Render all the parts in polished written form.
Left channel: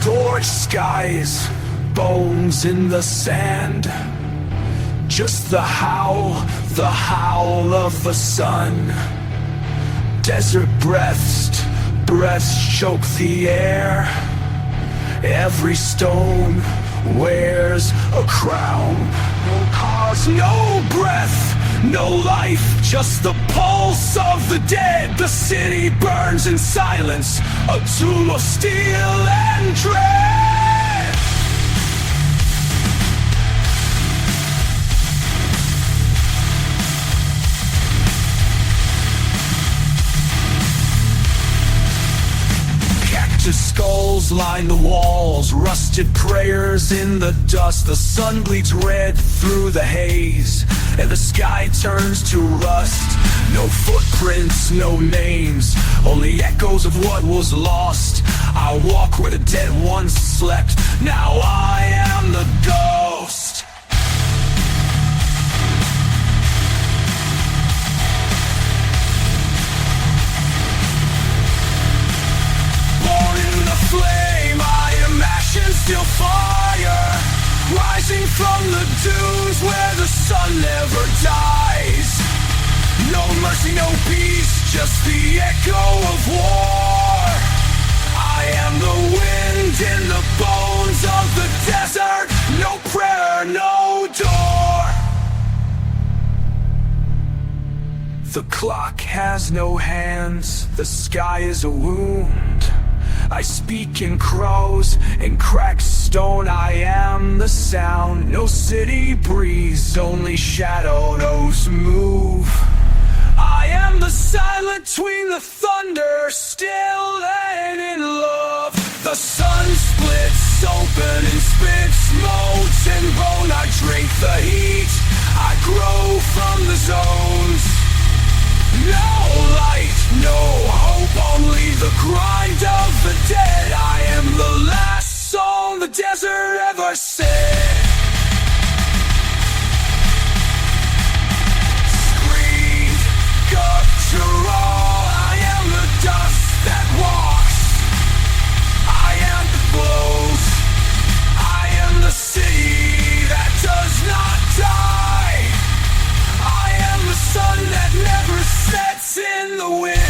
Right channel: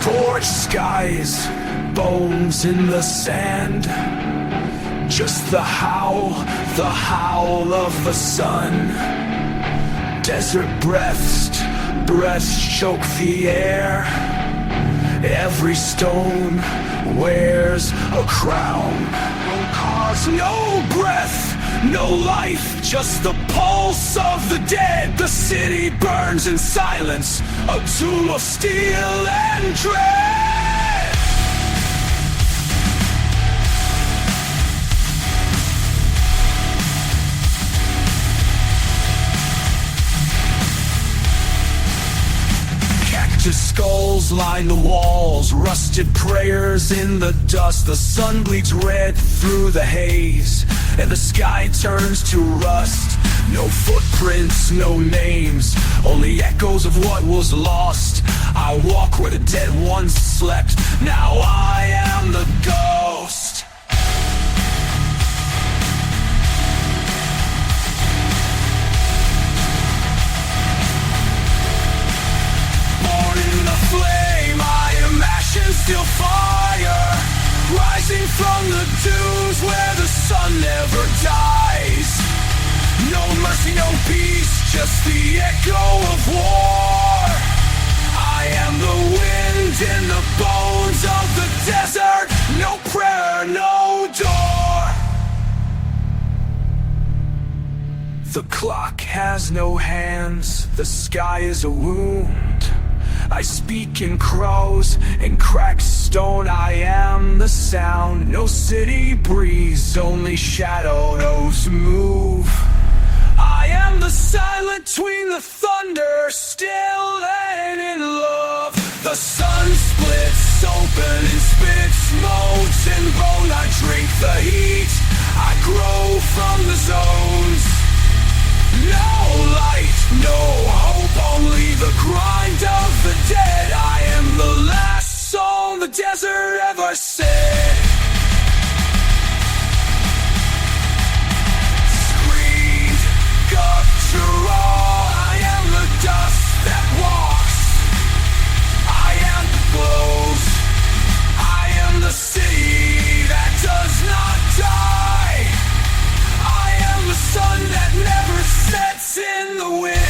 Scorched skies, bones in the sand. Just the howl of the sun. Desert breaths choke the air. Every stone wears a crown. No cause, no breath, no life, just the pulse of the dead. The city burns in silence, a tomb of steel and dread. Cactus skulls line the walls, rusted prayers in the dust. The sun bleeds red through the haze, and the sky turns to rust. No footprints, no names, only echoes of what was lost. I walk where the dead once slept, now I am the ghost. Born in the flame, I am ashes, still fire, rising from the dunes where the sun never dies. No mercy, no peace, just the echo of war. I am the wind in the bones of the desert. No prayer, no door. The clock has no hands, the sky is a wound. I speak in crows and cracked stone. I am the sound. No city breeze, only shadows move. I am the silent between the thunder, still and in love. The sun splits open and spits molten bone. I drink the heat, I grow from the zones. No light, no hope, only the grind of the dead. I am the last song the desert ever said. Scream, guttural, I am the dust that walks. I am the blows, I am the city that does not die. I am the sun that never sets in the wind.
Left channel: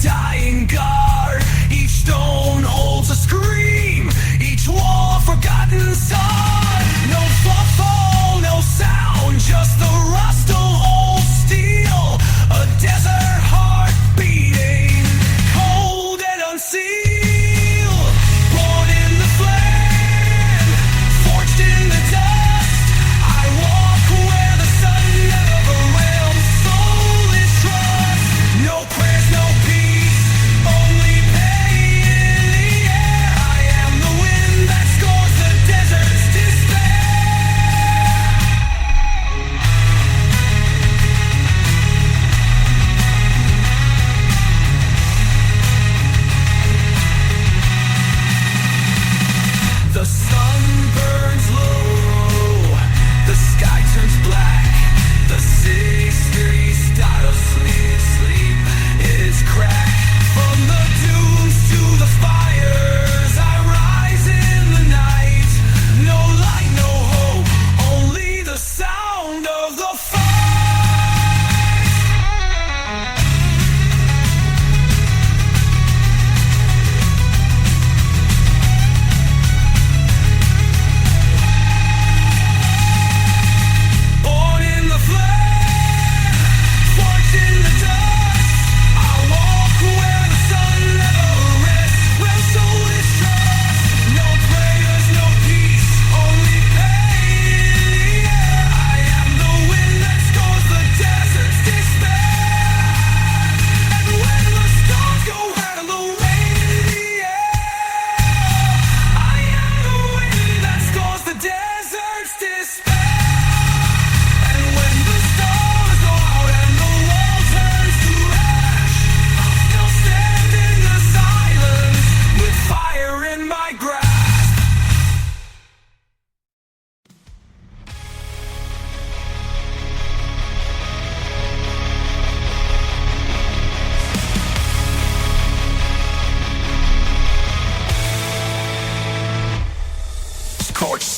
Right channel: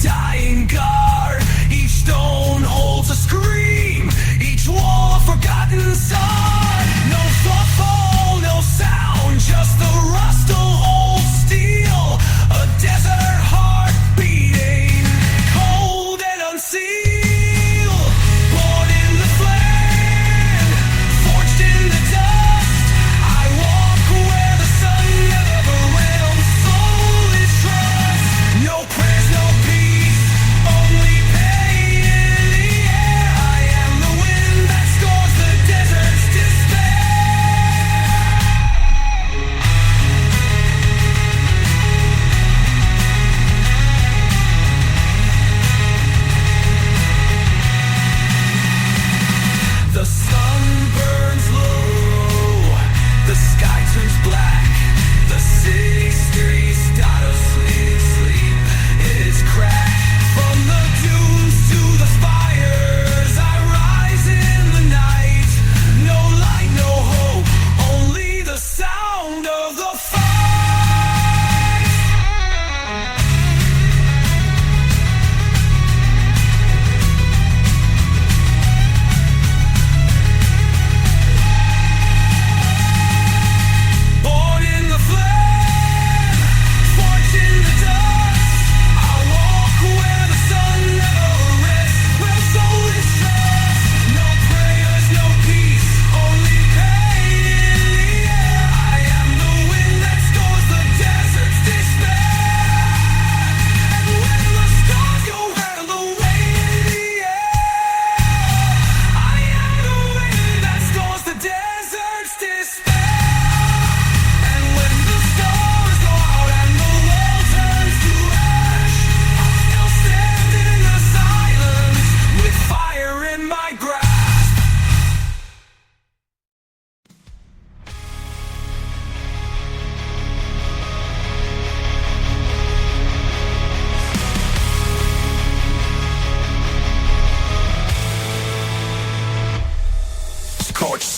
Dying guard, each stone holds a scream, each wall a forgotten song. No footfall, no sound, just the rust of old steel. A desert heart beating, cold and unsealed. Born in the flame, forged in the dust. I walk where the sun never realms. Soul is trust, no prayers, no peace, only pain in the air. I am the wind that scores the desert's distance.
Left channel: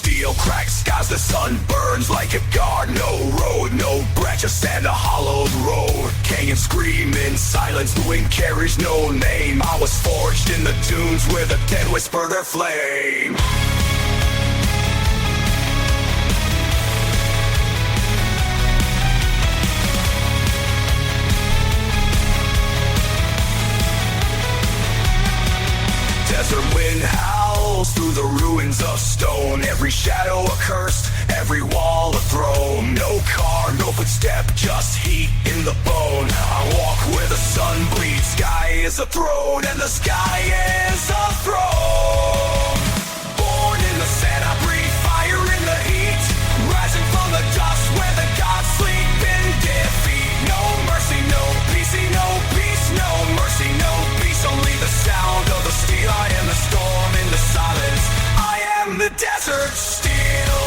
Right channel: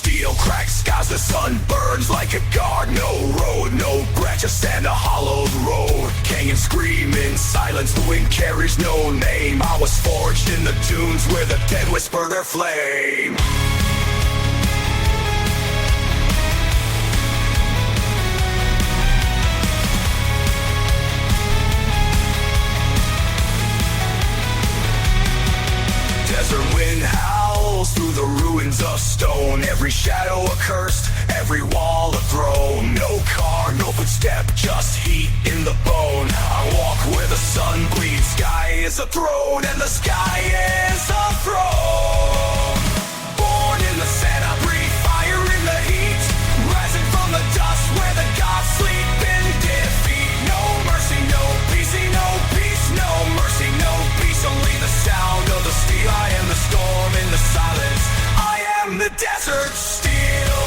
steel cracks skies, the sun burns like a guard. No road, no branch, just and a hollowed road. King and scream in silence, the wind carries no name. I was forged in the dunes where the dead whisper their flame. Desert wind howls through the ruins of stone. Every shadow accursed, every wall a throne. No car, no footstep, just heat in the bone. I walk where the sun bleeds. Sky is a throne, and the sky is a throne. Born in the sand, I breathe fire in the heat. Rising from the dust where the gods sleep in defeat. No mercy, no peace, no peace, no mercy, no peace. Only the sound of the steel. I am the storm in the silence. I am the desert steel.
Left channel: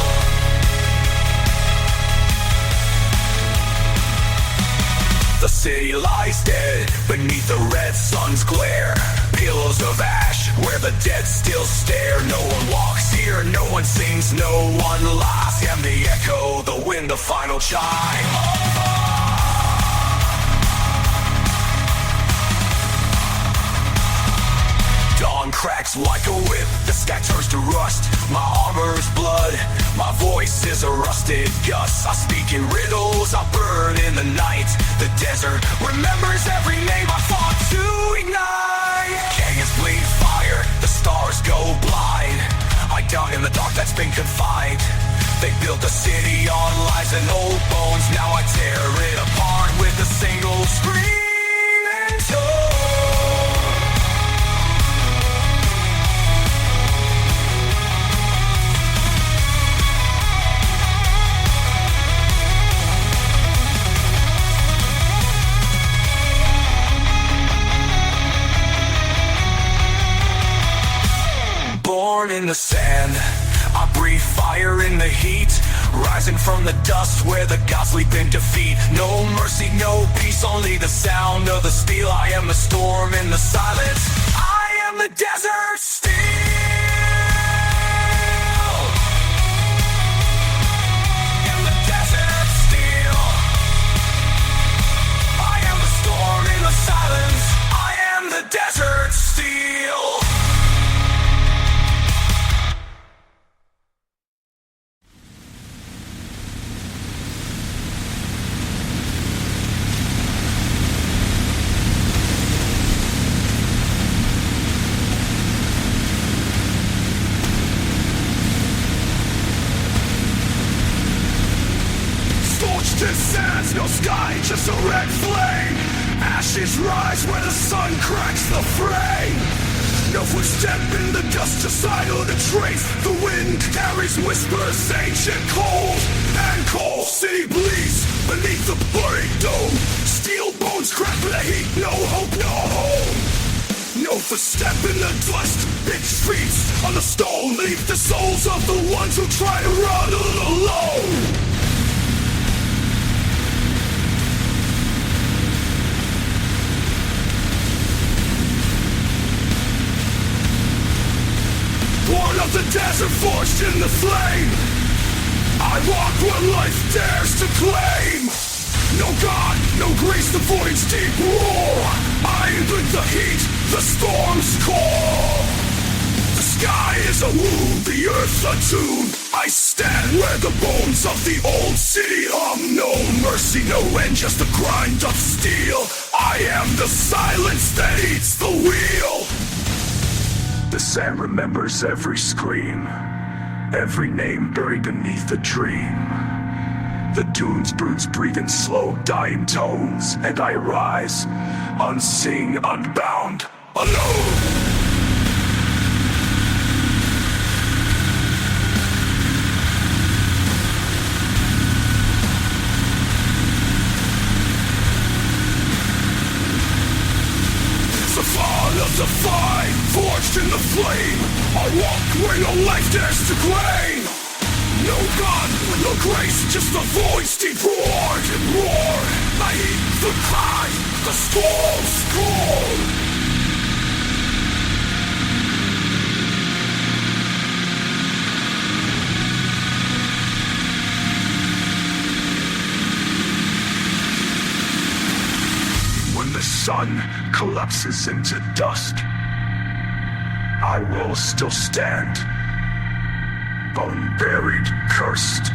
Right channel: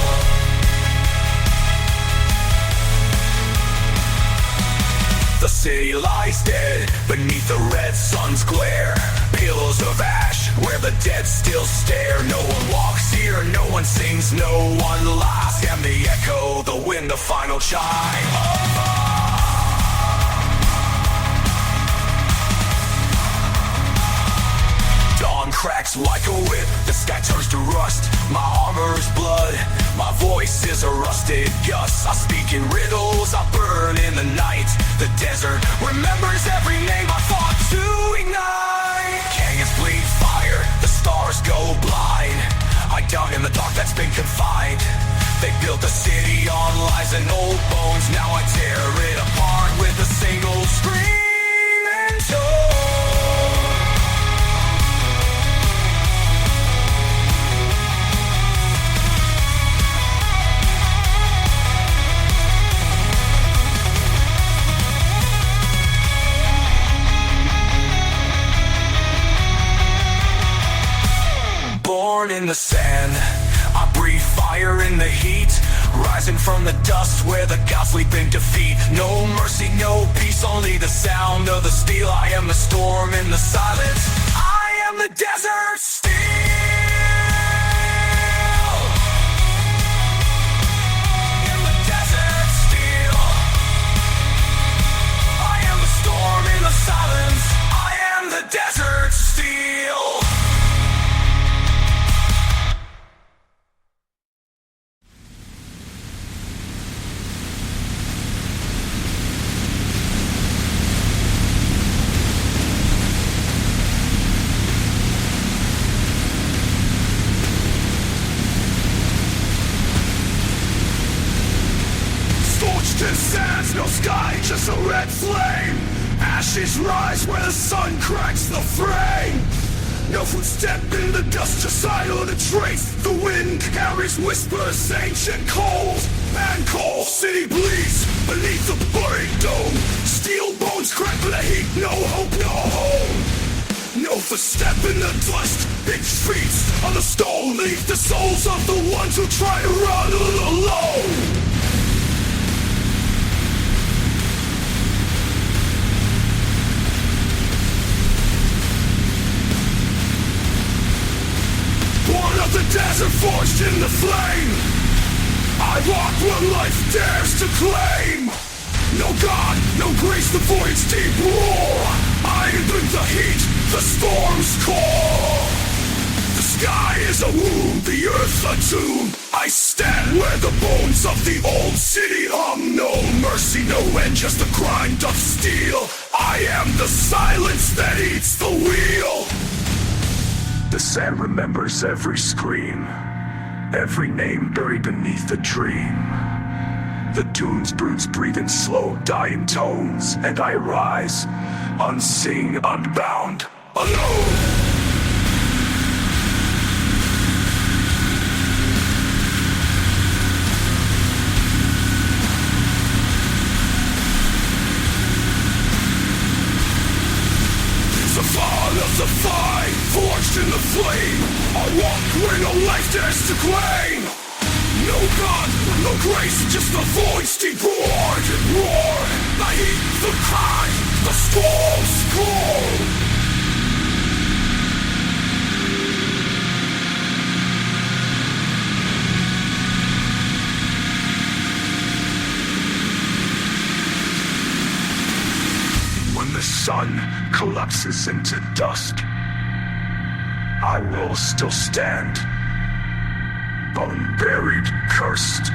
The city lies dead beneath the red sun's glare. Pillows of ash where the dead still stare. No one walks here, no one sings, no one laughs. I am the echo, the wind, the final chime of us. Dawn cracks like a whip, the sky turns to rust. My armor is blood, my voice is a rusted gust. I speak in riddles, I burn in the night. The desert remembers every name I fought to ignite. Canyons bleed fire, the stars go blind. I doubt in the dark that's been confined. They built a city on lies and old bones. Now I tear it apart with a single scream and tone. Born in the sand, I breathe fire in the heat. Rising from the dust where the gods sleep in defeat. No mercy, no peace, only the sound of the steel. I am the storm in the silence. I am the desert steel. I am the desert steel. I am the storm in the silence. I am the desert steel. Sands, no sky, just a red flame. Ashes rise where the sun cracks the frame. No footstep in the dust to silence the trace. The wind carries whispers ancient cold and cold. City bleeds beneath the buried dome. Steel bones crack the heat, no hope, no home. No footstep in the dust, it feasts on the stone. Leave the souls of the ones who try to run alone. Born of the desert, forged in the flame. I walk where life dares to claim. No God, no grace, the void's deep roar. I drink the heat, the storm's core. The sky is a wound, the earth a tomb. I stand where the bones of the old city hum. No mercy, no end, just the grind of steel. I am the silence that eats the wheel. The sand remembers every scream, every name buried beneath the dream. The dunes broods breathe in slow, dying tones, and I rise, unseen, unbound, alone. The fall of the fight, forged in the flame. I walk where no life dares to claim. No God, no grace, just the voice deep roared and roared. The heat, the cry, the storm's call. sun collapses into dusk, I will still stand, unburied, cursed.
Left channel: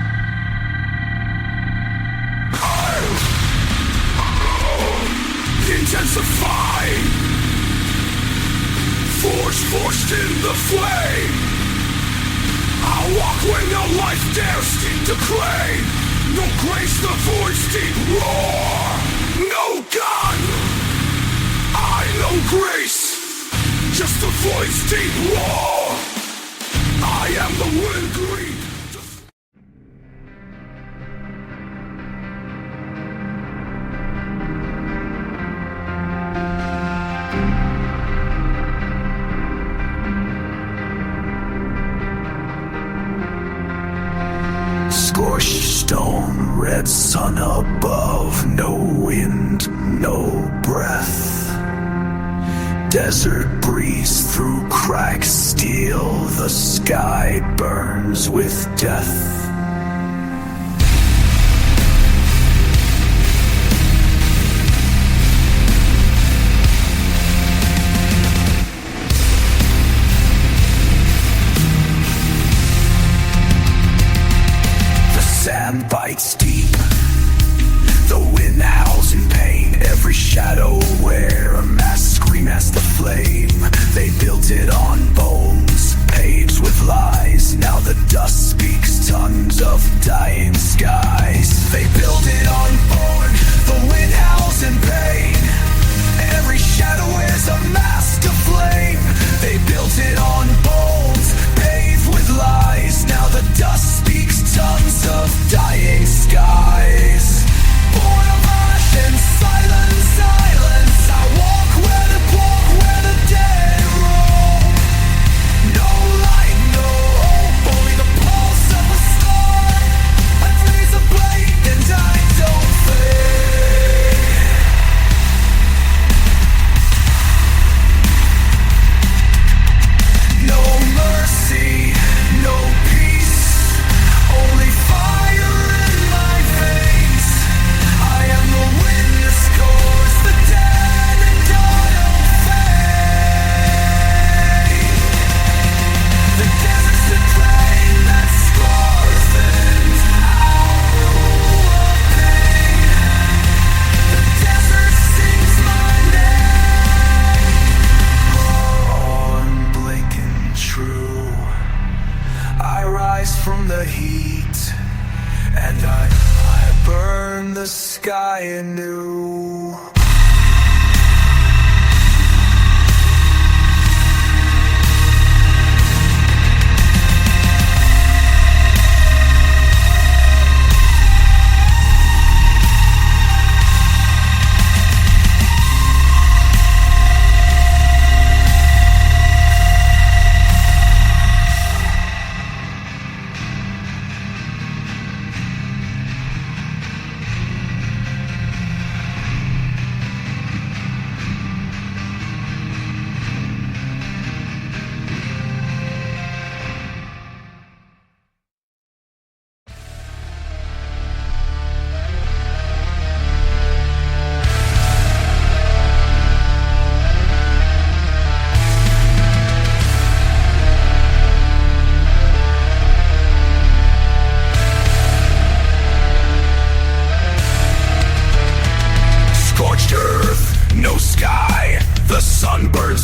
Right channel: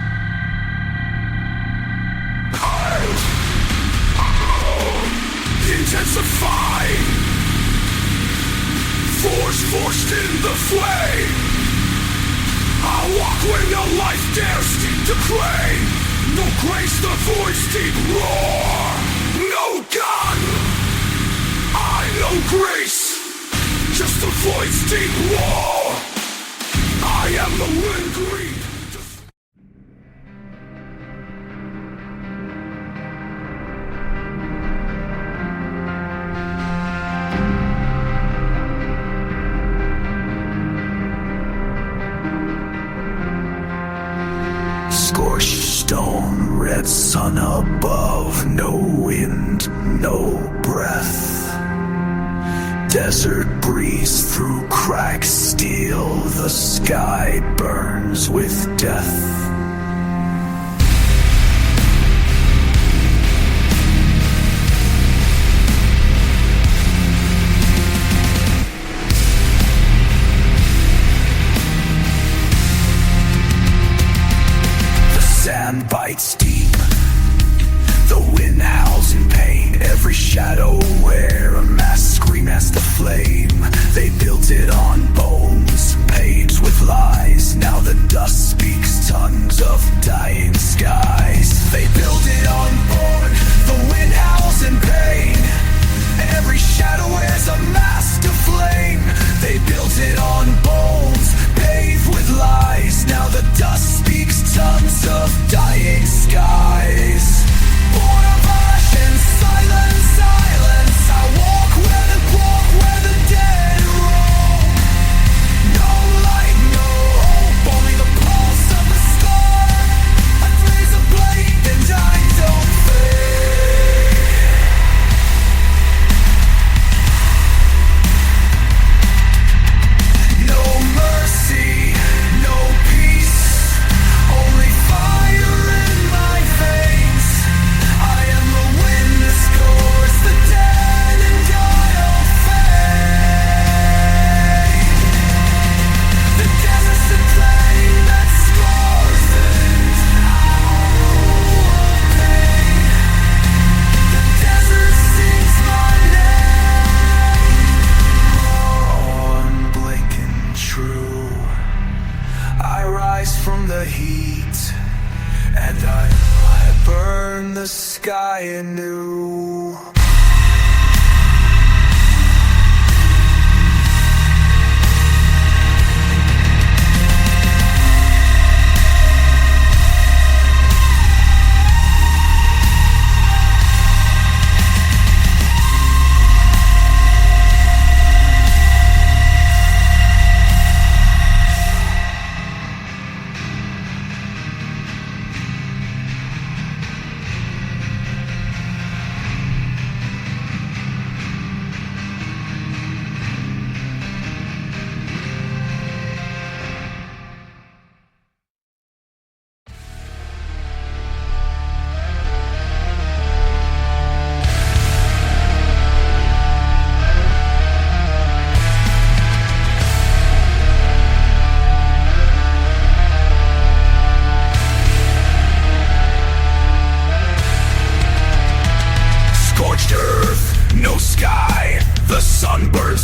Intensify, forced in the flame. I'll walk when no life dares to claim. No grace, the voice deep roar. No gun, no grace, just the voice deep roar. I am the wind breathe. Scorched stone, red sun above, no wind, no breath. Desert breeze through cracks steel, the sky burns with death. Sand bites deep, the wind howls in pain. Every shadow wear a mask, scream as the flame. They built it on bones, paved with lies. Now the dust speaks tons of dying skies. They built it on bone, the wind howls in pain. Every shadow is a mask of flame. They built it on bones, paved with lies. Now the dust speaks tons of dying skies. Born of ash and silence, I walk where the dead roam. No light, no hope, only the pulse of the sky. I freeze a blade and I don't fade. No mercy, no peace, only fire in my veins. I am the wind that scores the dead and I'll fade. The desert's a train that scars and our pain. The desert sings my name. Unblinking true, I rise from the heat, and I burn the sky anew.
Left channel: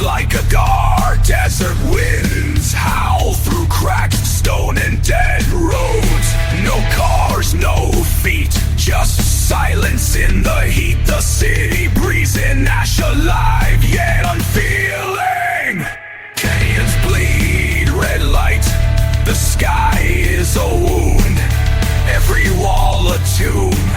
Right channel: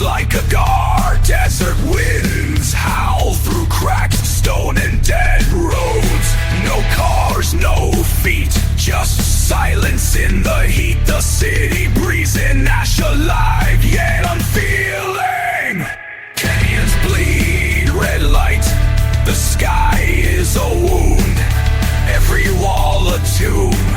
Like a guard, desert winds howl through cracked stone and dead roads. No cars, no feet, just silence in the heat. The city breathes in ash, alive yet unfeeling. Canyons bleed red light, the sky is a wound. Every wall a tomb,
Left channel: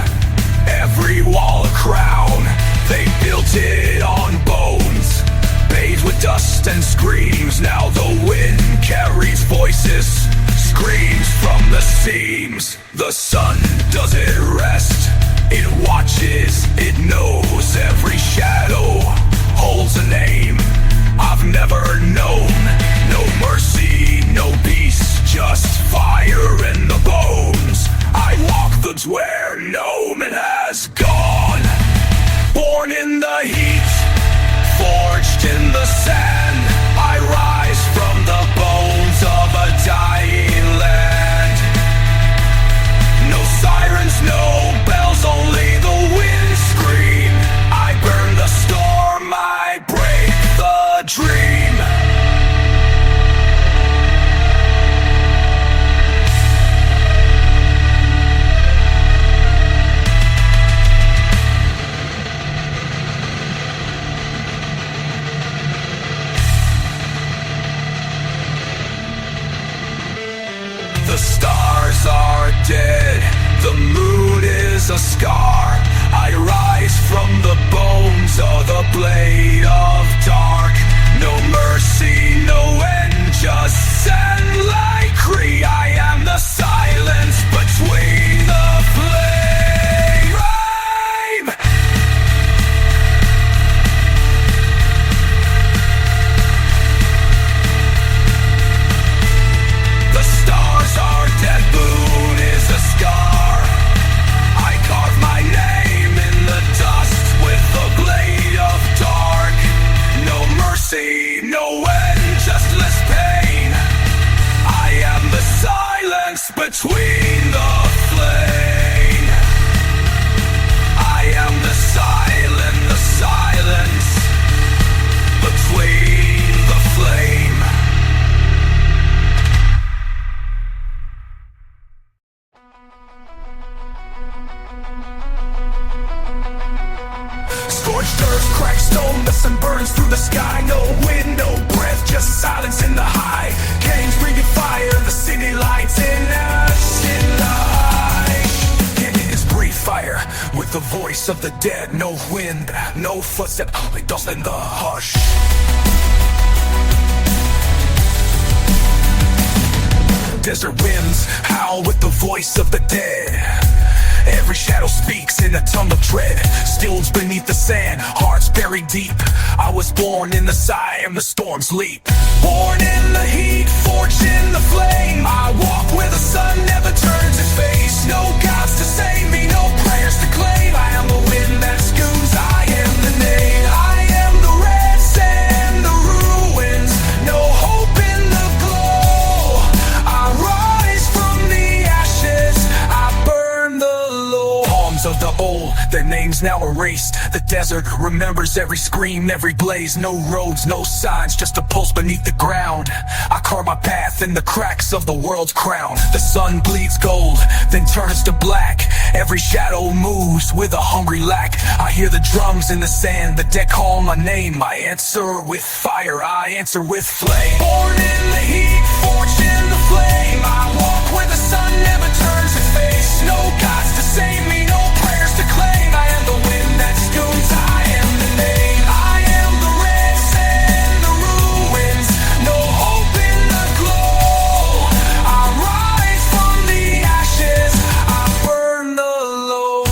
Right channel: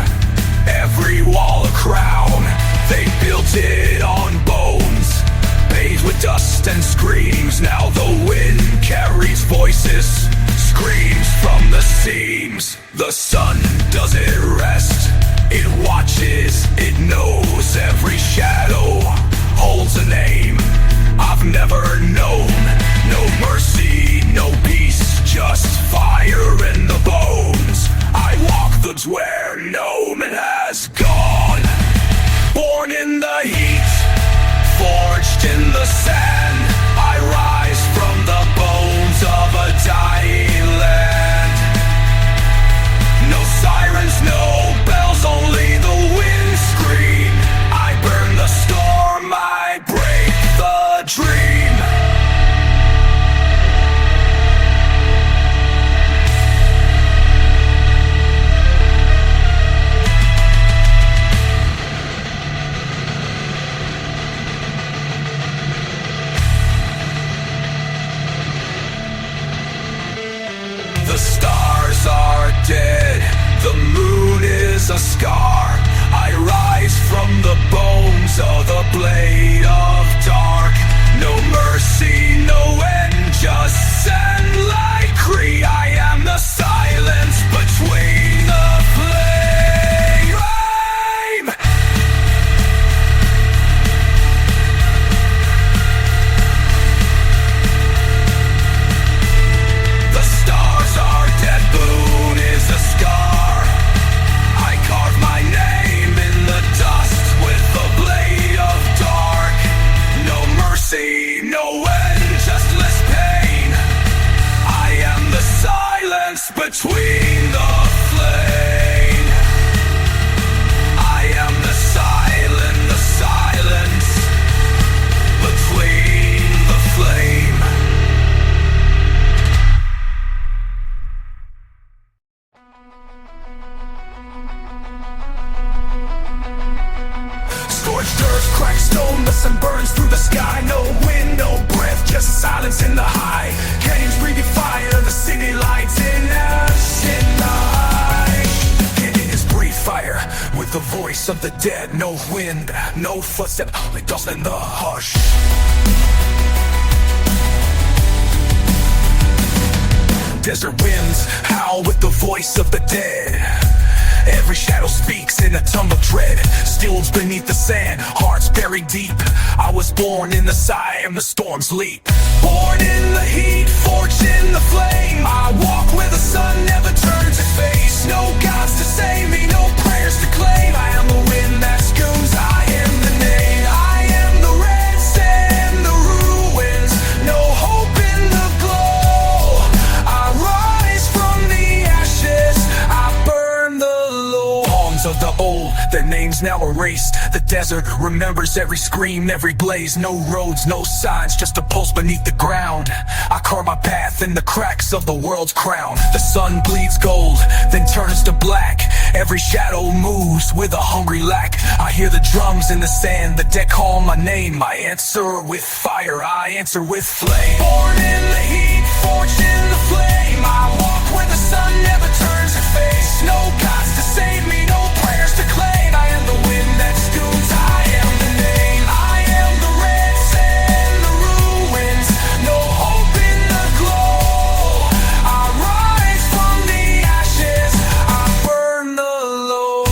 every wall a crown. They built it on bones, bathed with dust and screams. Now the wind carries voices, screams from the seams. The sun doesn't rest, it watches, it knows. Every shadow holds a name I've never known. No mercy, no peace, just fire in the bones. I walk the where no man has gone. Born in the heat, forged in the sand. I rise from the bones of a dying land. No sirens, no bells, only the wind scream. I burn the storm, I break the dream. The stars are dead, the moon is a scar. I rise from the bones of the blade of dark. No mercy, no end, just sand like Cree. I am the silence between the flame. The stars are dead, moon is a scar. I carve my name in the dust with the blade of dark. No mercy, no end, just less pain. I am the silence between the flame. I am the silence between the flame. Scorched earth, cracked stone, the sun burns through the sky. No wind, no breath, just silence in the high. Caves breathing fire, the city lights in us in the high. And it is breathe fire with the voice of the dead. No wind, no footstep, only dust in the hush. Desert winds howl with the voice of the dead. Every shadow speaks in a tongue of dread. Stills beneath the sand, hearts buried deep. I was born in the Siam, the storms leap. Born in the heat, forged in the flame. I walk where the sun never turns its face. No gods to save me, no prayers to claim. I am the wind that scoons, I am the name. I am the red sand, the ruins. No hope in the glow. I rise from the ashes, I burn the poems of the old, their names now erased. The desert remembers every scream, every blaze. No roads, no signs, just a pulse beneath the ground. I carve my path in the cracks of the world's crown. The sun bleeds gold, then turns to black. Every shadow moves with a hungry lack. I hear the drums in the sand, the dead call my name. I answer with fire, I answer with flame. Born in the heat, forged in the flame. I walk where the sun never turns its face. No gods to save me, no prayers to claim. I am the wind that scoons, I am the name. I am the red sand, the ruins. No hope in the glow. I rise from the ashes, I burn the low.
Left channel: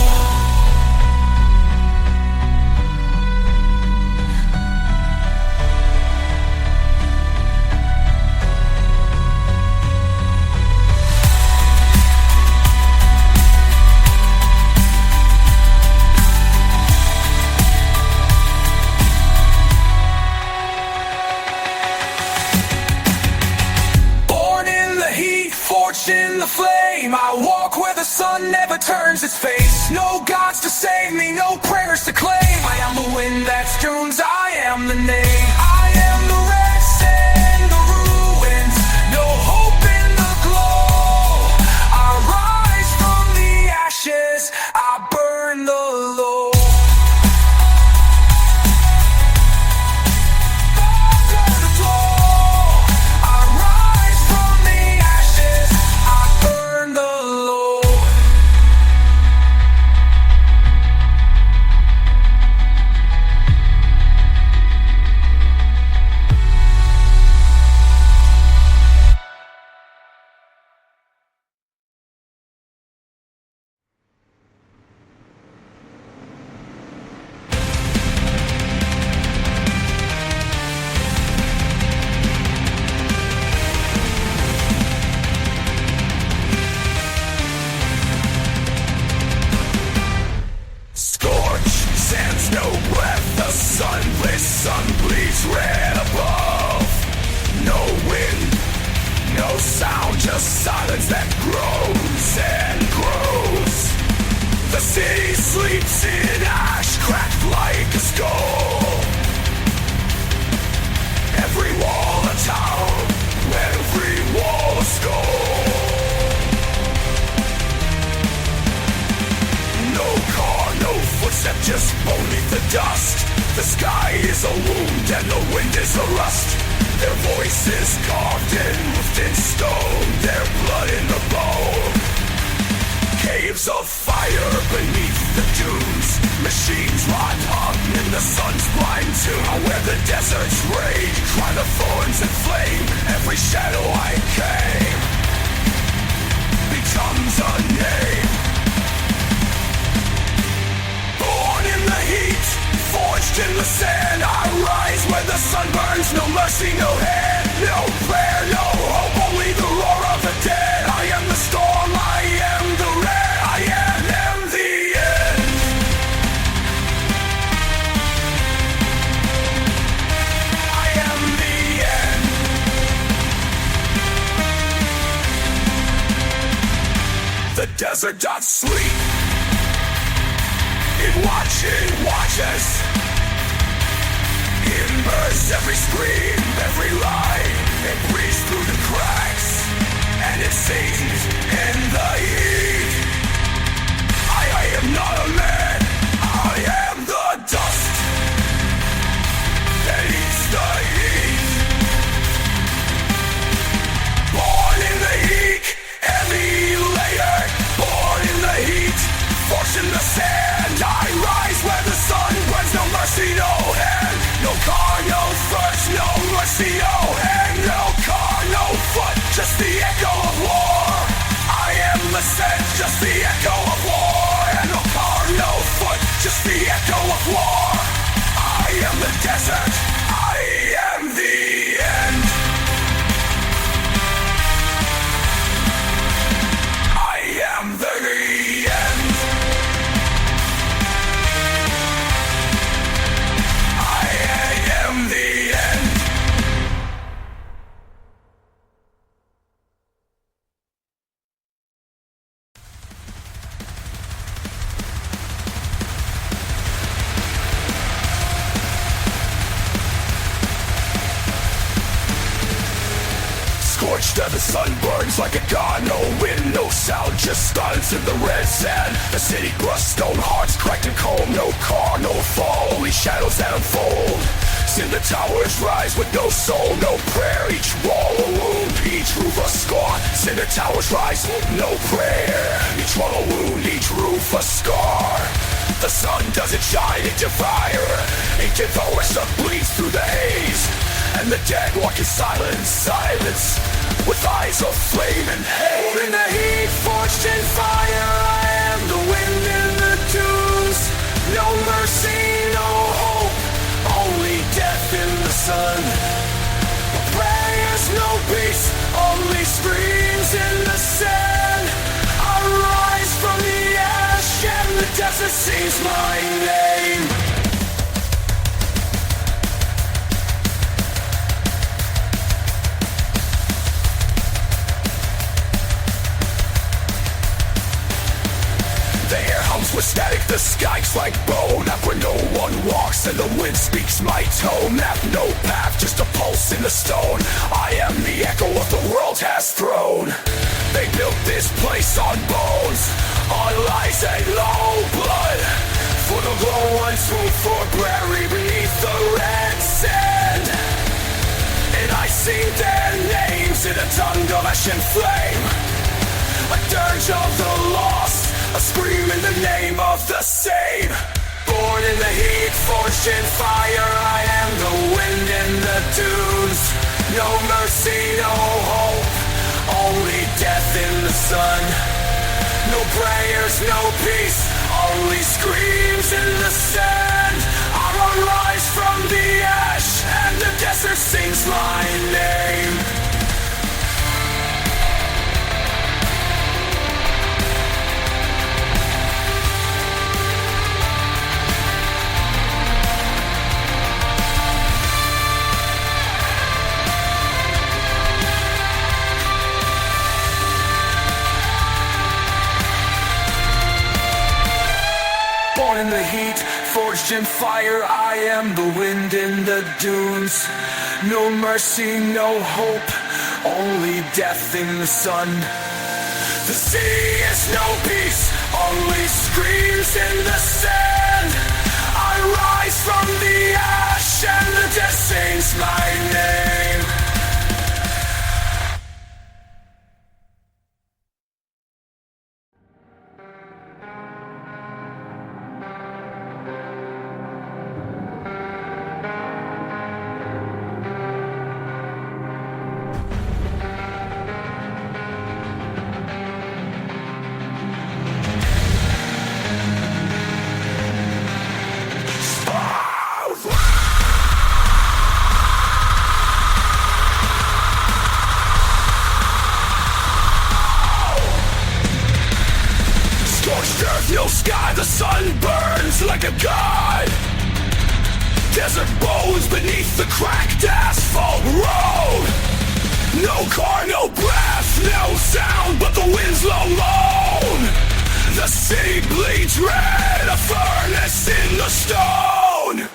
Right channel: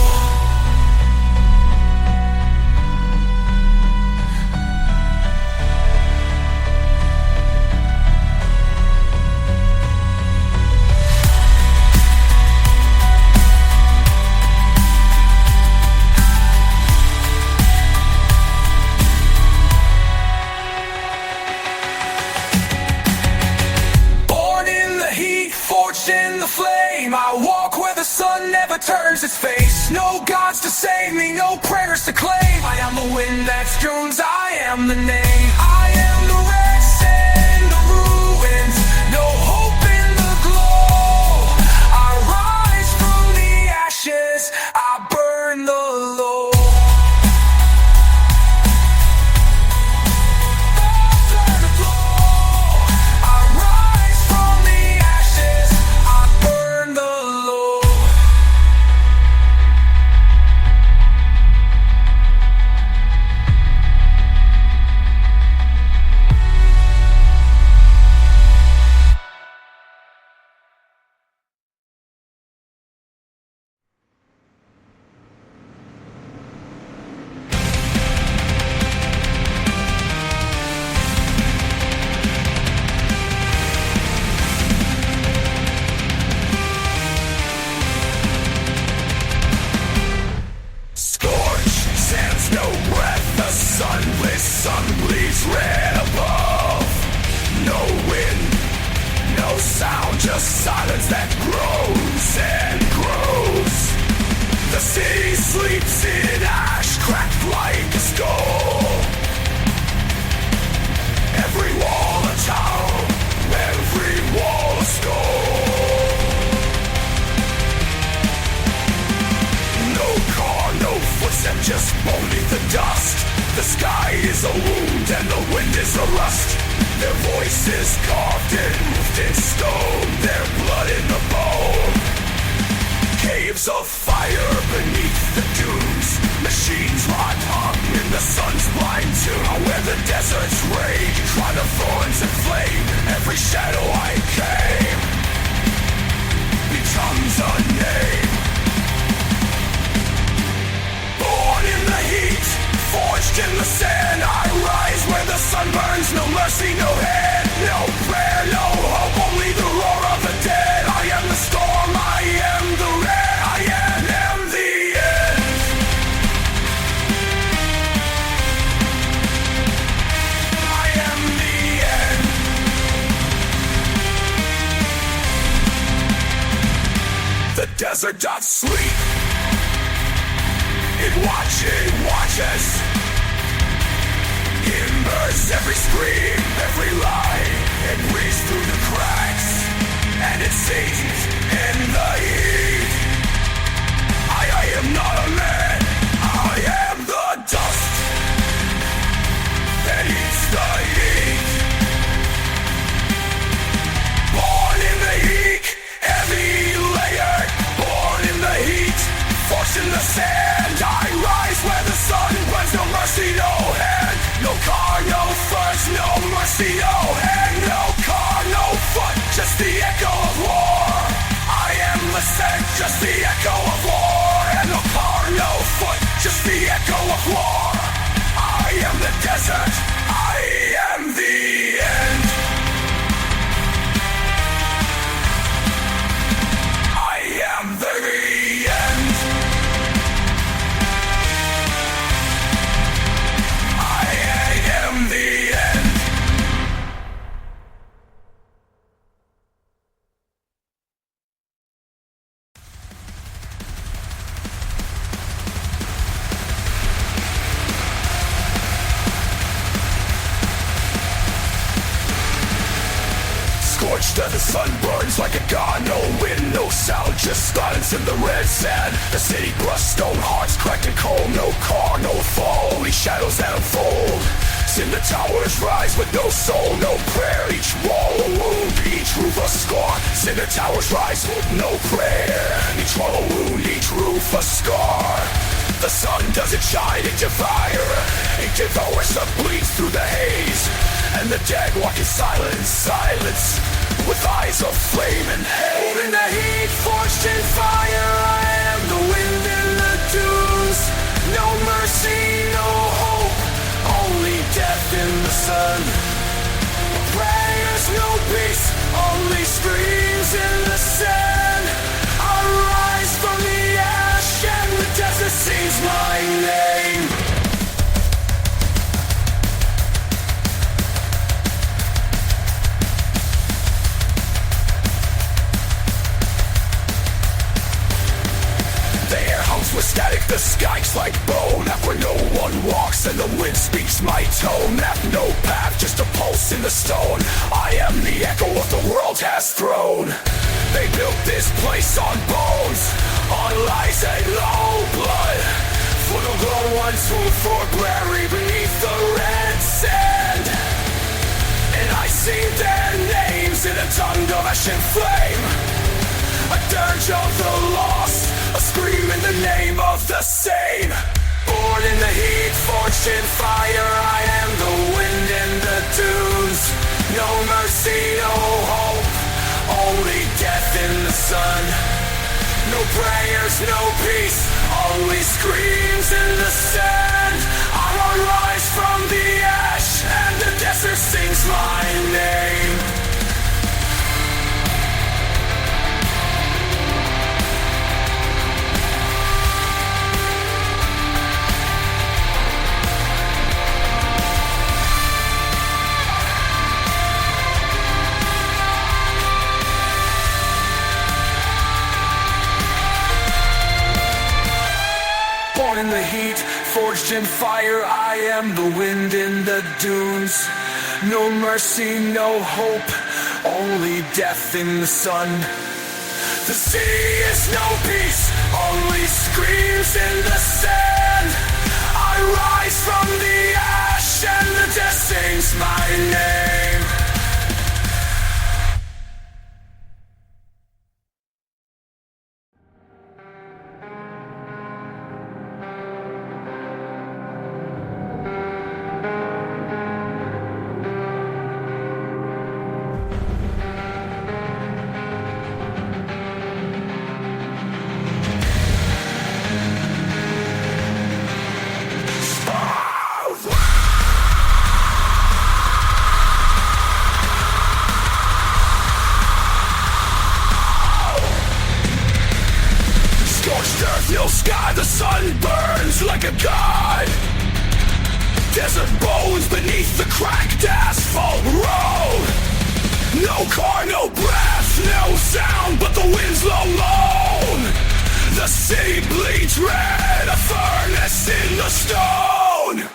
In the flame, I walk where the sun never turns its face. No gods to save me, no prayers to claim. I am the wind that strews, I am the name. I am the red sand, the ruins. No hope in the glow. I rise from the ashes, I burn the low. except just only the dust. The sky is a wound and the wind is a rust. Their voices carved in lifted stone, their blood in the bone. Caves of fire beneath the dunes, machines rot up in the sun's blind tomb. Where the deserts rage, cry the thorns and flame. Every shadow I came becomes a name. Born in the heat, forged in the sand, I rise when the sun burns. No mercy, no hand, no prayer, no hope, only the roar of the dead. I am the storm, I am the red, I am the end. I am the end. The desert doth sleep, it watches. Embers, every scream, every lie, it breathes through the cracks, and it sees in the heat. I am not a man, I am the dust that eats the heat. Born in the heat, emulator. Born in the heat, forced in the sand. I rise where the sun burns. No mercy, no hand, no car, no first, no mercy, no hand, no car, no foot, just the echo of war. I am the scent, just the echo of war. And no car, no foot, just the echo of war. I am the desert, I am the end. I am the end. I am the end. Scorched and the sun burns like a god. No wind, no sound, just silence in the red sand. The city crushed, stone hearts cracked and cold. No car, no fall, only shadows that unfold. In the towers rise with no soul, no prayer. Each wall a wound, each roof a scar. In the towers rise with no prayer. Each wall a wound, each roof a scar. The sun doesn't shine into fire, it devours and bleeds through the haze. And the dead walk in silence, silence, with eyes of flame and hate. In the heat, forged in fire, I am the wind in the dunes. No mercy, no hope, only death in the sun. No prayers, no peace, only screams in the sand. I rise from the ash and the desert sings my name. With static, the sky's like bone. Up where no one walks and the wind speaks my tone. Map no path, just a pulse in the stone. I am the echo of the world has thrown. They built this place on bones, on lies and low blood. For the low ones who for buried beneath the red sand. And I sing their names in a tongue of ash and flame. A dirge of the lost, a scream in the name of the same. Born in the heat, forged in fire, I am the wind in the dunes. No mercy, no hope, only death in the sun. No prayers, no peace, only screams in the sand. I rise from the ash and the desert sings my name. Born in the heat, forged in fire, I am the wind in the dunes. No mercy, no hope, only death in the sun. The sea is no peace, only screams in the sand. is my name. Scorched earth, no sky, the sun burns like a god. Desert bones beneath the cracked asphalt road. No car, no breath, no sound but the wind's low moan. The sea bleeds red, a furnace in the stone.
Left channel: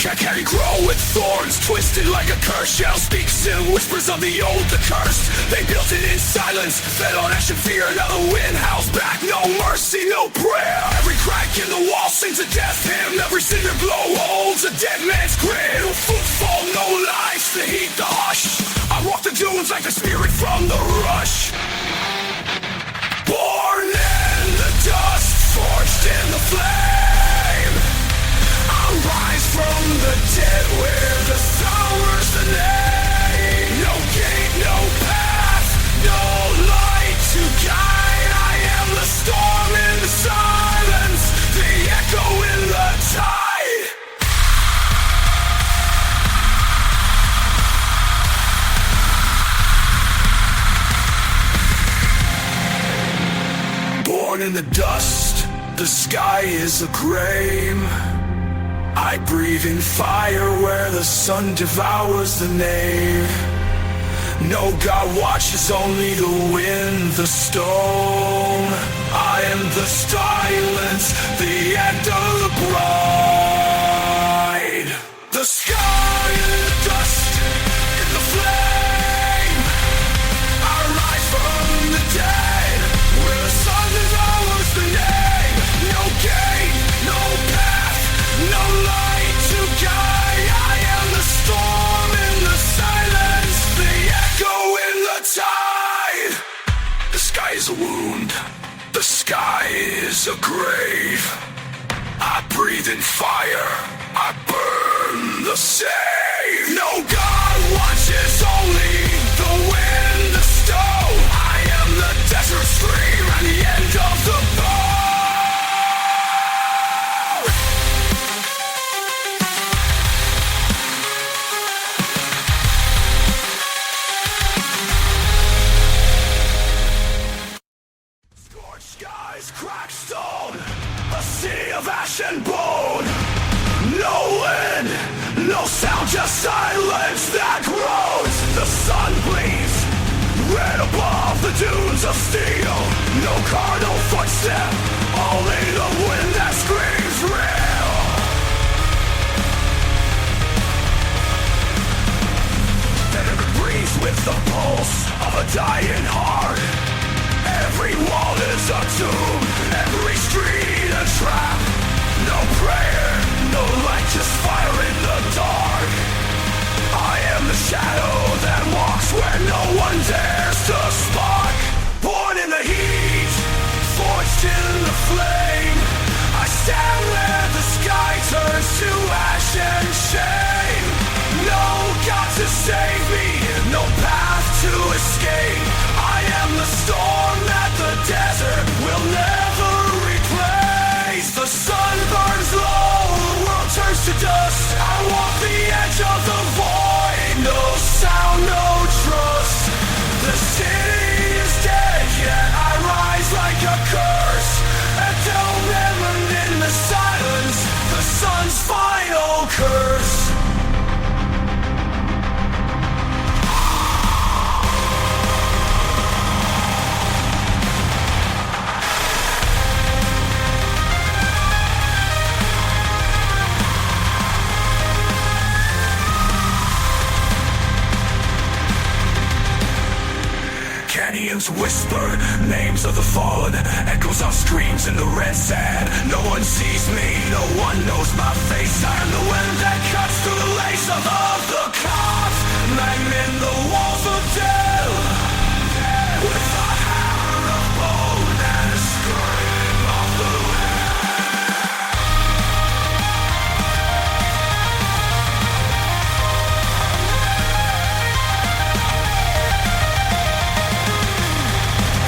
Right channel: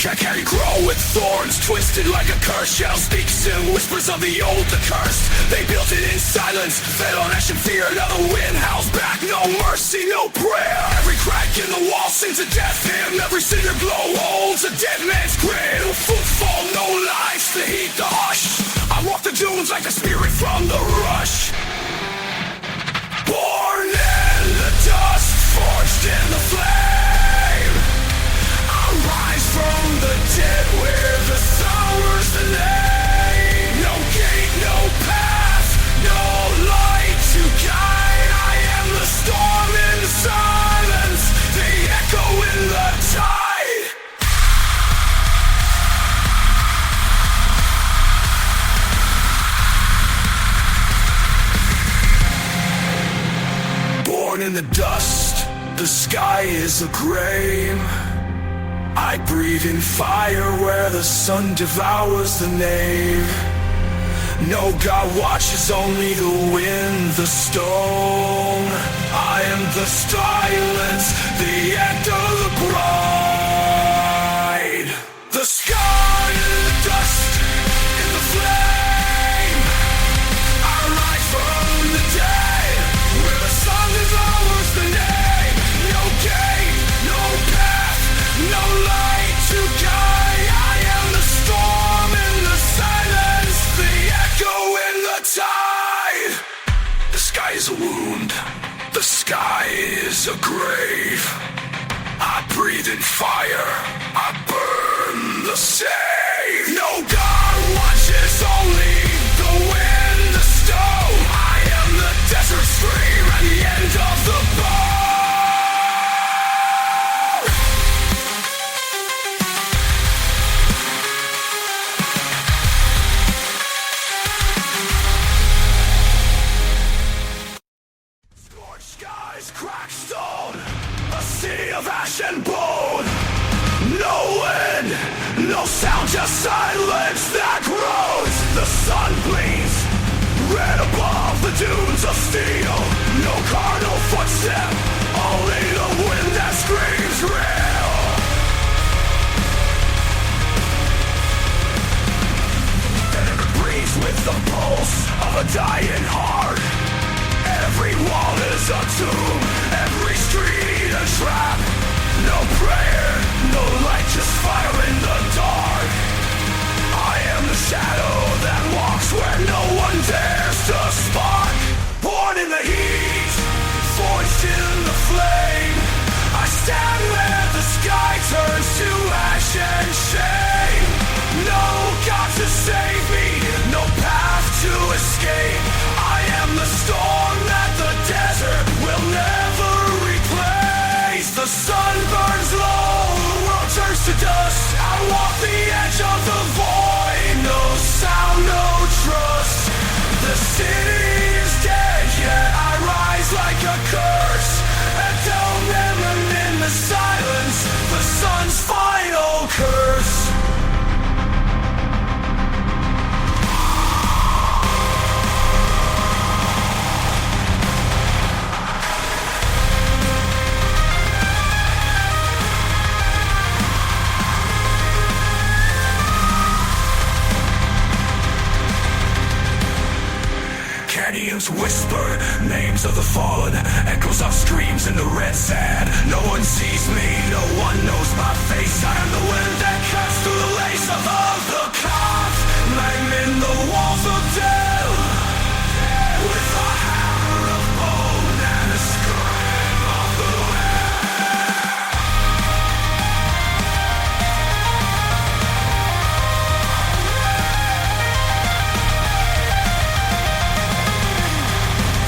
Can't grow with thorns, twisted like a curse. Shell speaks in whispers of the old, the cursed. They built it in silence, fed on ash and fear. Now the wind howls back, no mercy, no prayer. Every crack in the wall sings a death hymn. Every cinder glow holds a dead man's grin. Footfall, no life, the heat, the hush. I walk the dunes like a spirit from the rush. Born in the dust, forged in the flame. I'll rise from the dead where the summer's the name. No gate, no path, no light to guide. I am the storm in the silence, the echo in the tide. Born in the dust, the sky is a grave. I breathe in fire where the sun devours the nave. No God watches, only the wind, the stone. I am the silence, the end of the bride. The sky in the dust, in the flame. I rise from the dead, where the sun devours the nave. No gate, no path, no light to guide. I am the storm in the silence, the echo in the tide. The sky is a wound, the sky is a grave. I breathe in fire, I burn the same. No God watches, only the wind, the stone. I am the desert stream and the end of the bar. Cracked stone, a sea of ash and bone. No wind, no sound, just silence that grows. The sun bleeds red above the dunes of steel. No car, no footstep, only the wind that screams real. And it breathes with the pulse of a dying heart. Every wall is a tomb, every street a trap. No prayer, no light, just fire in the dark. I am the shadow that walks where no one dares to spark. Born in the heat, forged in the flame. I stand where the sky turns to ash and shame. No God to save me, no path to escape. I am the storm that the desert will never replace. The sun burns low, the world turns to dust. I walk the edge of the void, no sound, no trust. The city is dead, yet I rise like a curse. And down in the silence, the sun's final curse. Canyons whisper names of the fallen, echoes of streams in the red sand. No one sees me, no one knows my face. I am the wind that cuts through the lace of the climbing the walls of death with a hammer of bone and a scream of the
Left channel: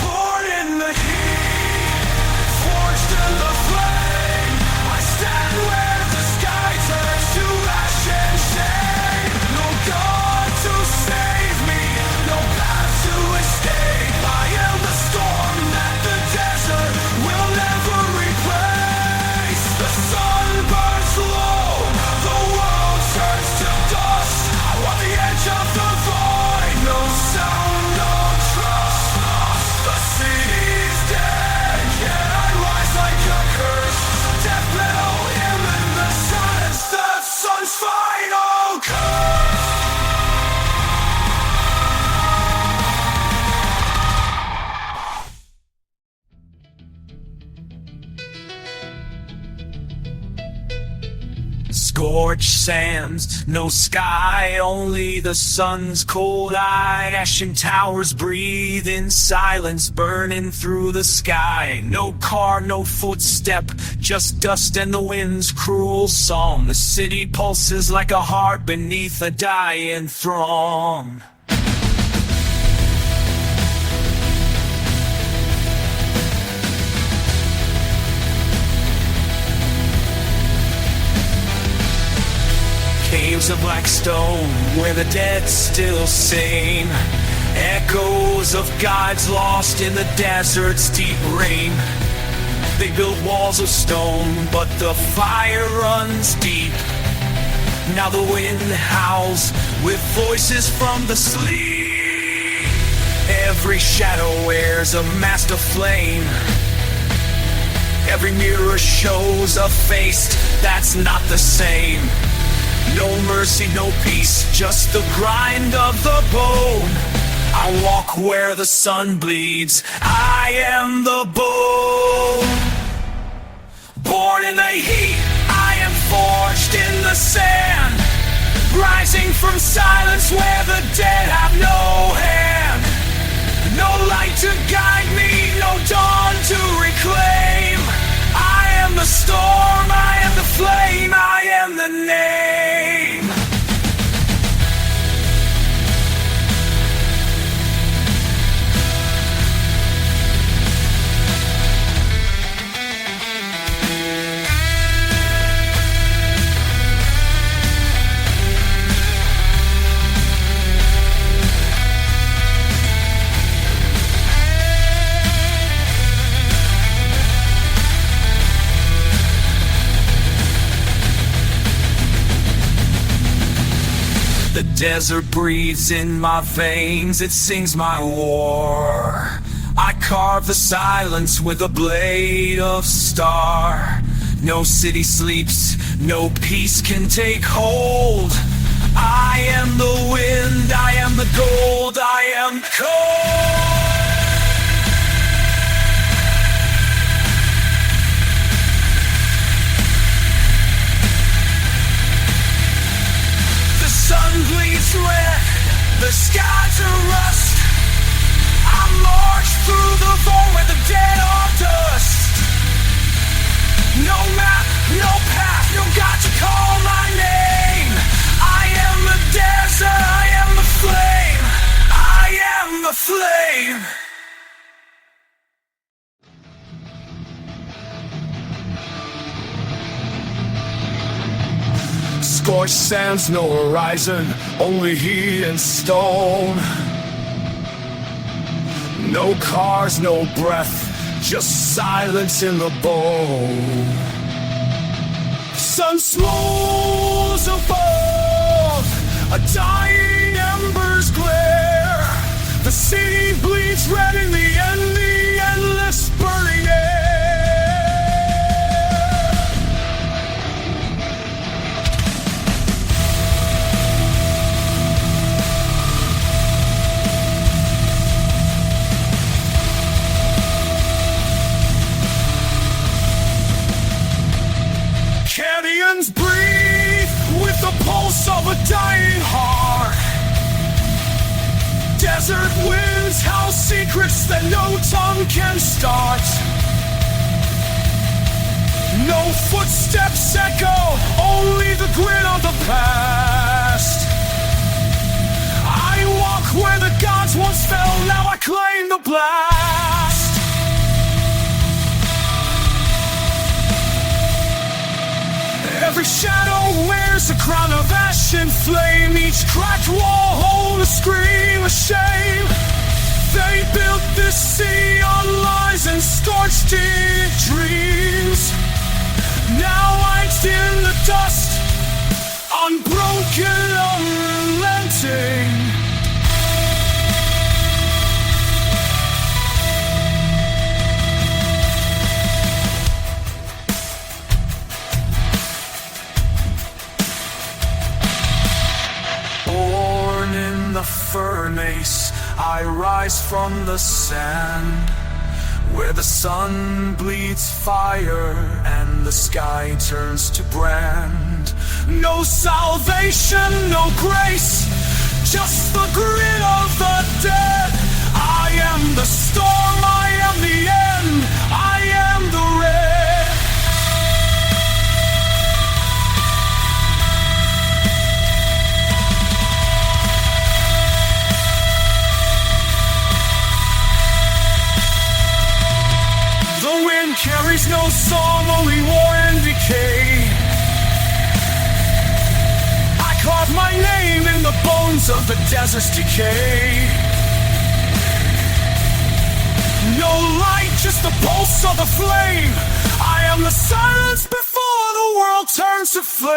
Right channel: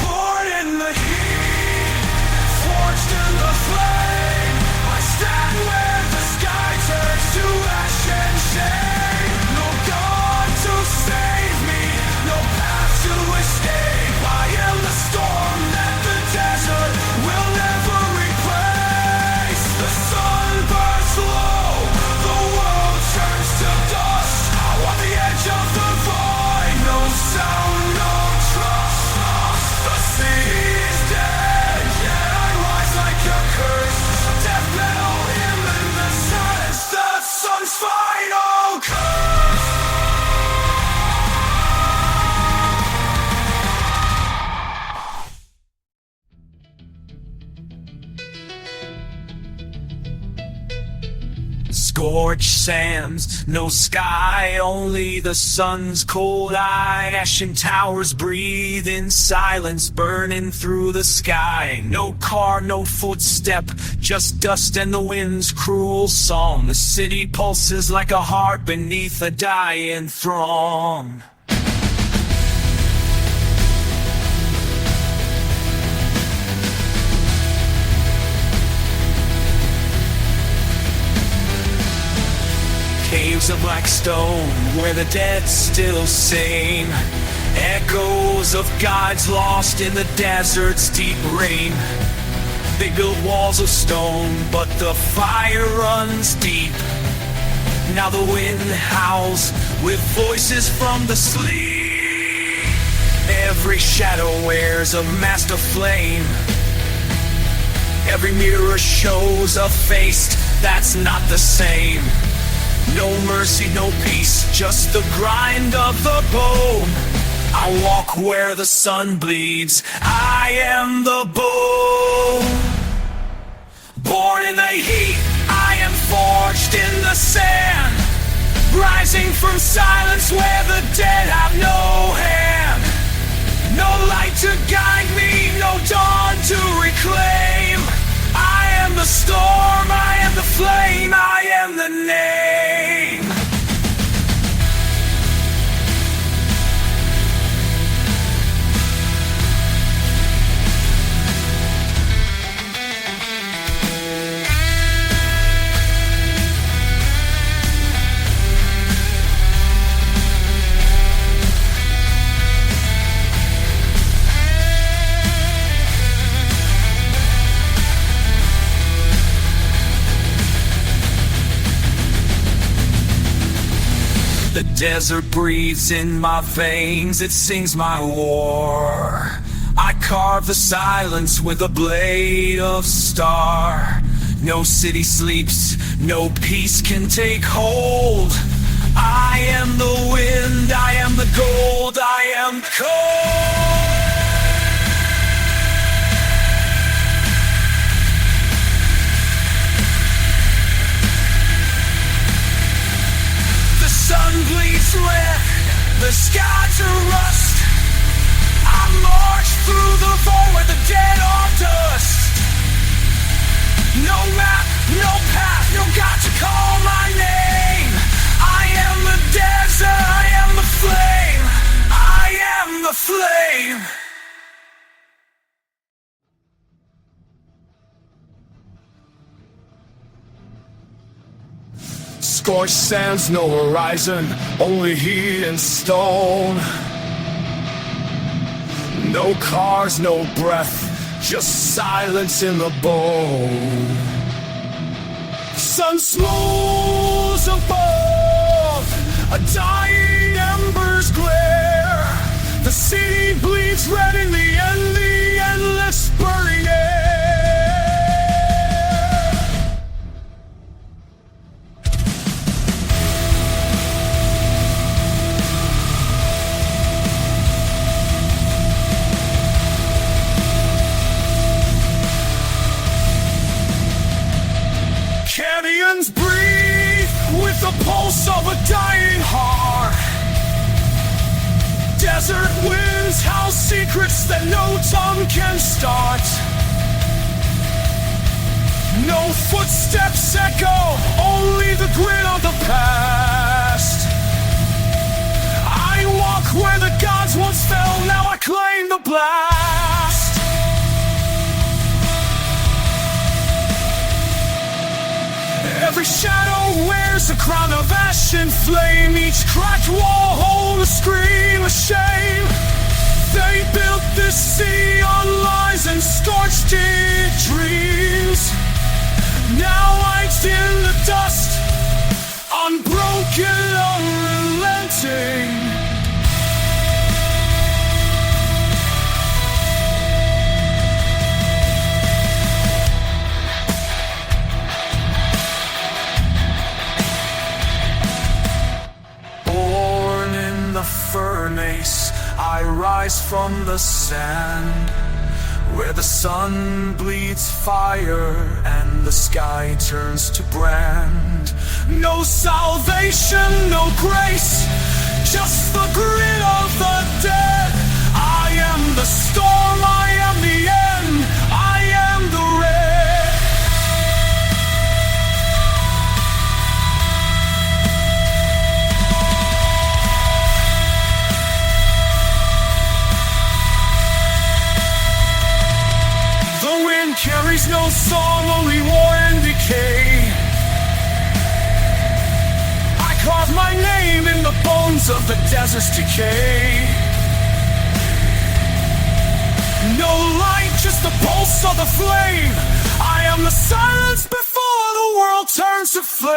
born in the heat, forged in the flame. I stand where the sky turns to ash and shame. No God to save me, no path to escape. I am the storm that the desert will never replace. The sun burns low, the world turns to dust. On the edge of the void, no sound, no trust. The sea is dead, yet I rise like a curse. Death metal in the silence, the sun's final curse. Scorched sands, no sky, only the sun's cold eye. Ashen towers breathe in silence, burning through the sky. No car, no footstep, just dust and the wind's cruel song. The city pulses like a heart beneath a dying throng. Caves of black stone, where the dead still sing. Echoes of gods lost in the desert's deep rain. They build walls of stone, but the fire runs deep. Now the wind howls with voices from the sleep. Every shadow wears a mask of flame. Every mirror shows a face that's not the same. No mercy, no peace, just the grind of the bone. I walk where the sun bleeds, I am the bone. Born in the heat, I am forged in the sand. Rising from silence where the dead have no hand. No light to guide me, no dawn to reclaim. I am the storm, I am the flame, I am the name. The desert breathes in my veins, it sings my war. I carve the silence with a blade of star. No city sleeps, no peace can take hold. I am the wind, I am the gold, I am cold. The sun bleeds red, the skies are rust. I march through the void where the dead are dust. No map, no path, no God to call my name. I am the desert, I am the flame, I am the flame. Scorched sands, no horizon, only heat and stone. No cars, no breath, just silence in the bone. Sun smooths above, a dying embers glare. The city bleeds red in the endless burning air. Canyons breathe with the pulse of a dying heart. Desert winds howl secrets that no tongue can start. No footsteps echo, only the grit of the past. I walk where the gods once fell, now I claim the blast. Every shadow wears a crown of ash and flame. Each cracked wall holds a scream of shame. They built this city on lies and scorched dreams. Now lights in the dust, unbroken, unrelenting. Born in the furnace, I rise from the sand, where the sun bleeds fire and the sky turns to brand. No salvation, no grace, just the grit of the dead. I am the storm, I am the end, I am the red. The wind carries no song, only war and decay. I carve my name in the bones of the desert's decay. No light, just the pulse of the flame. I am the silence before the world turns to flame.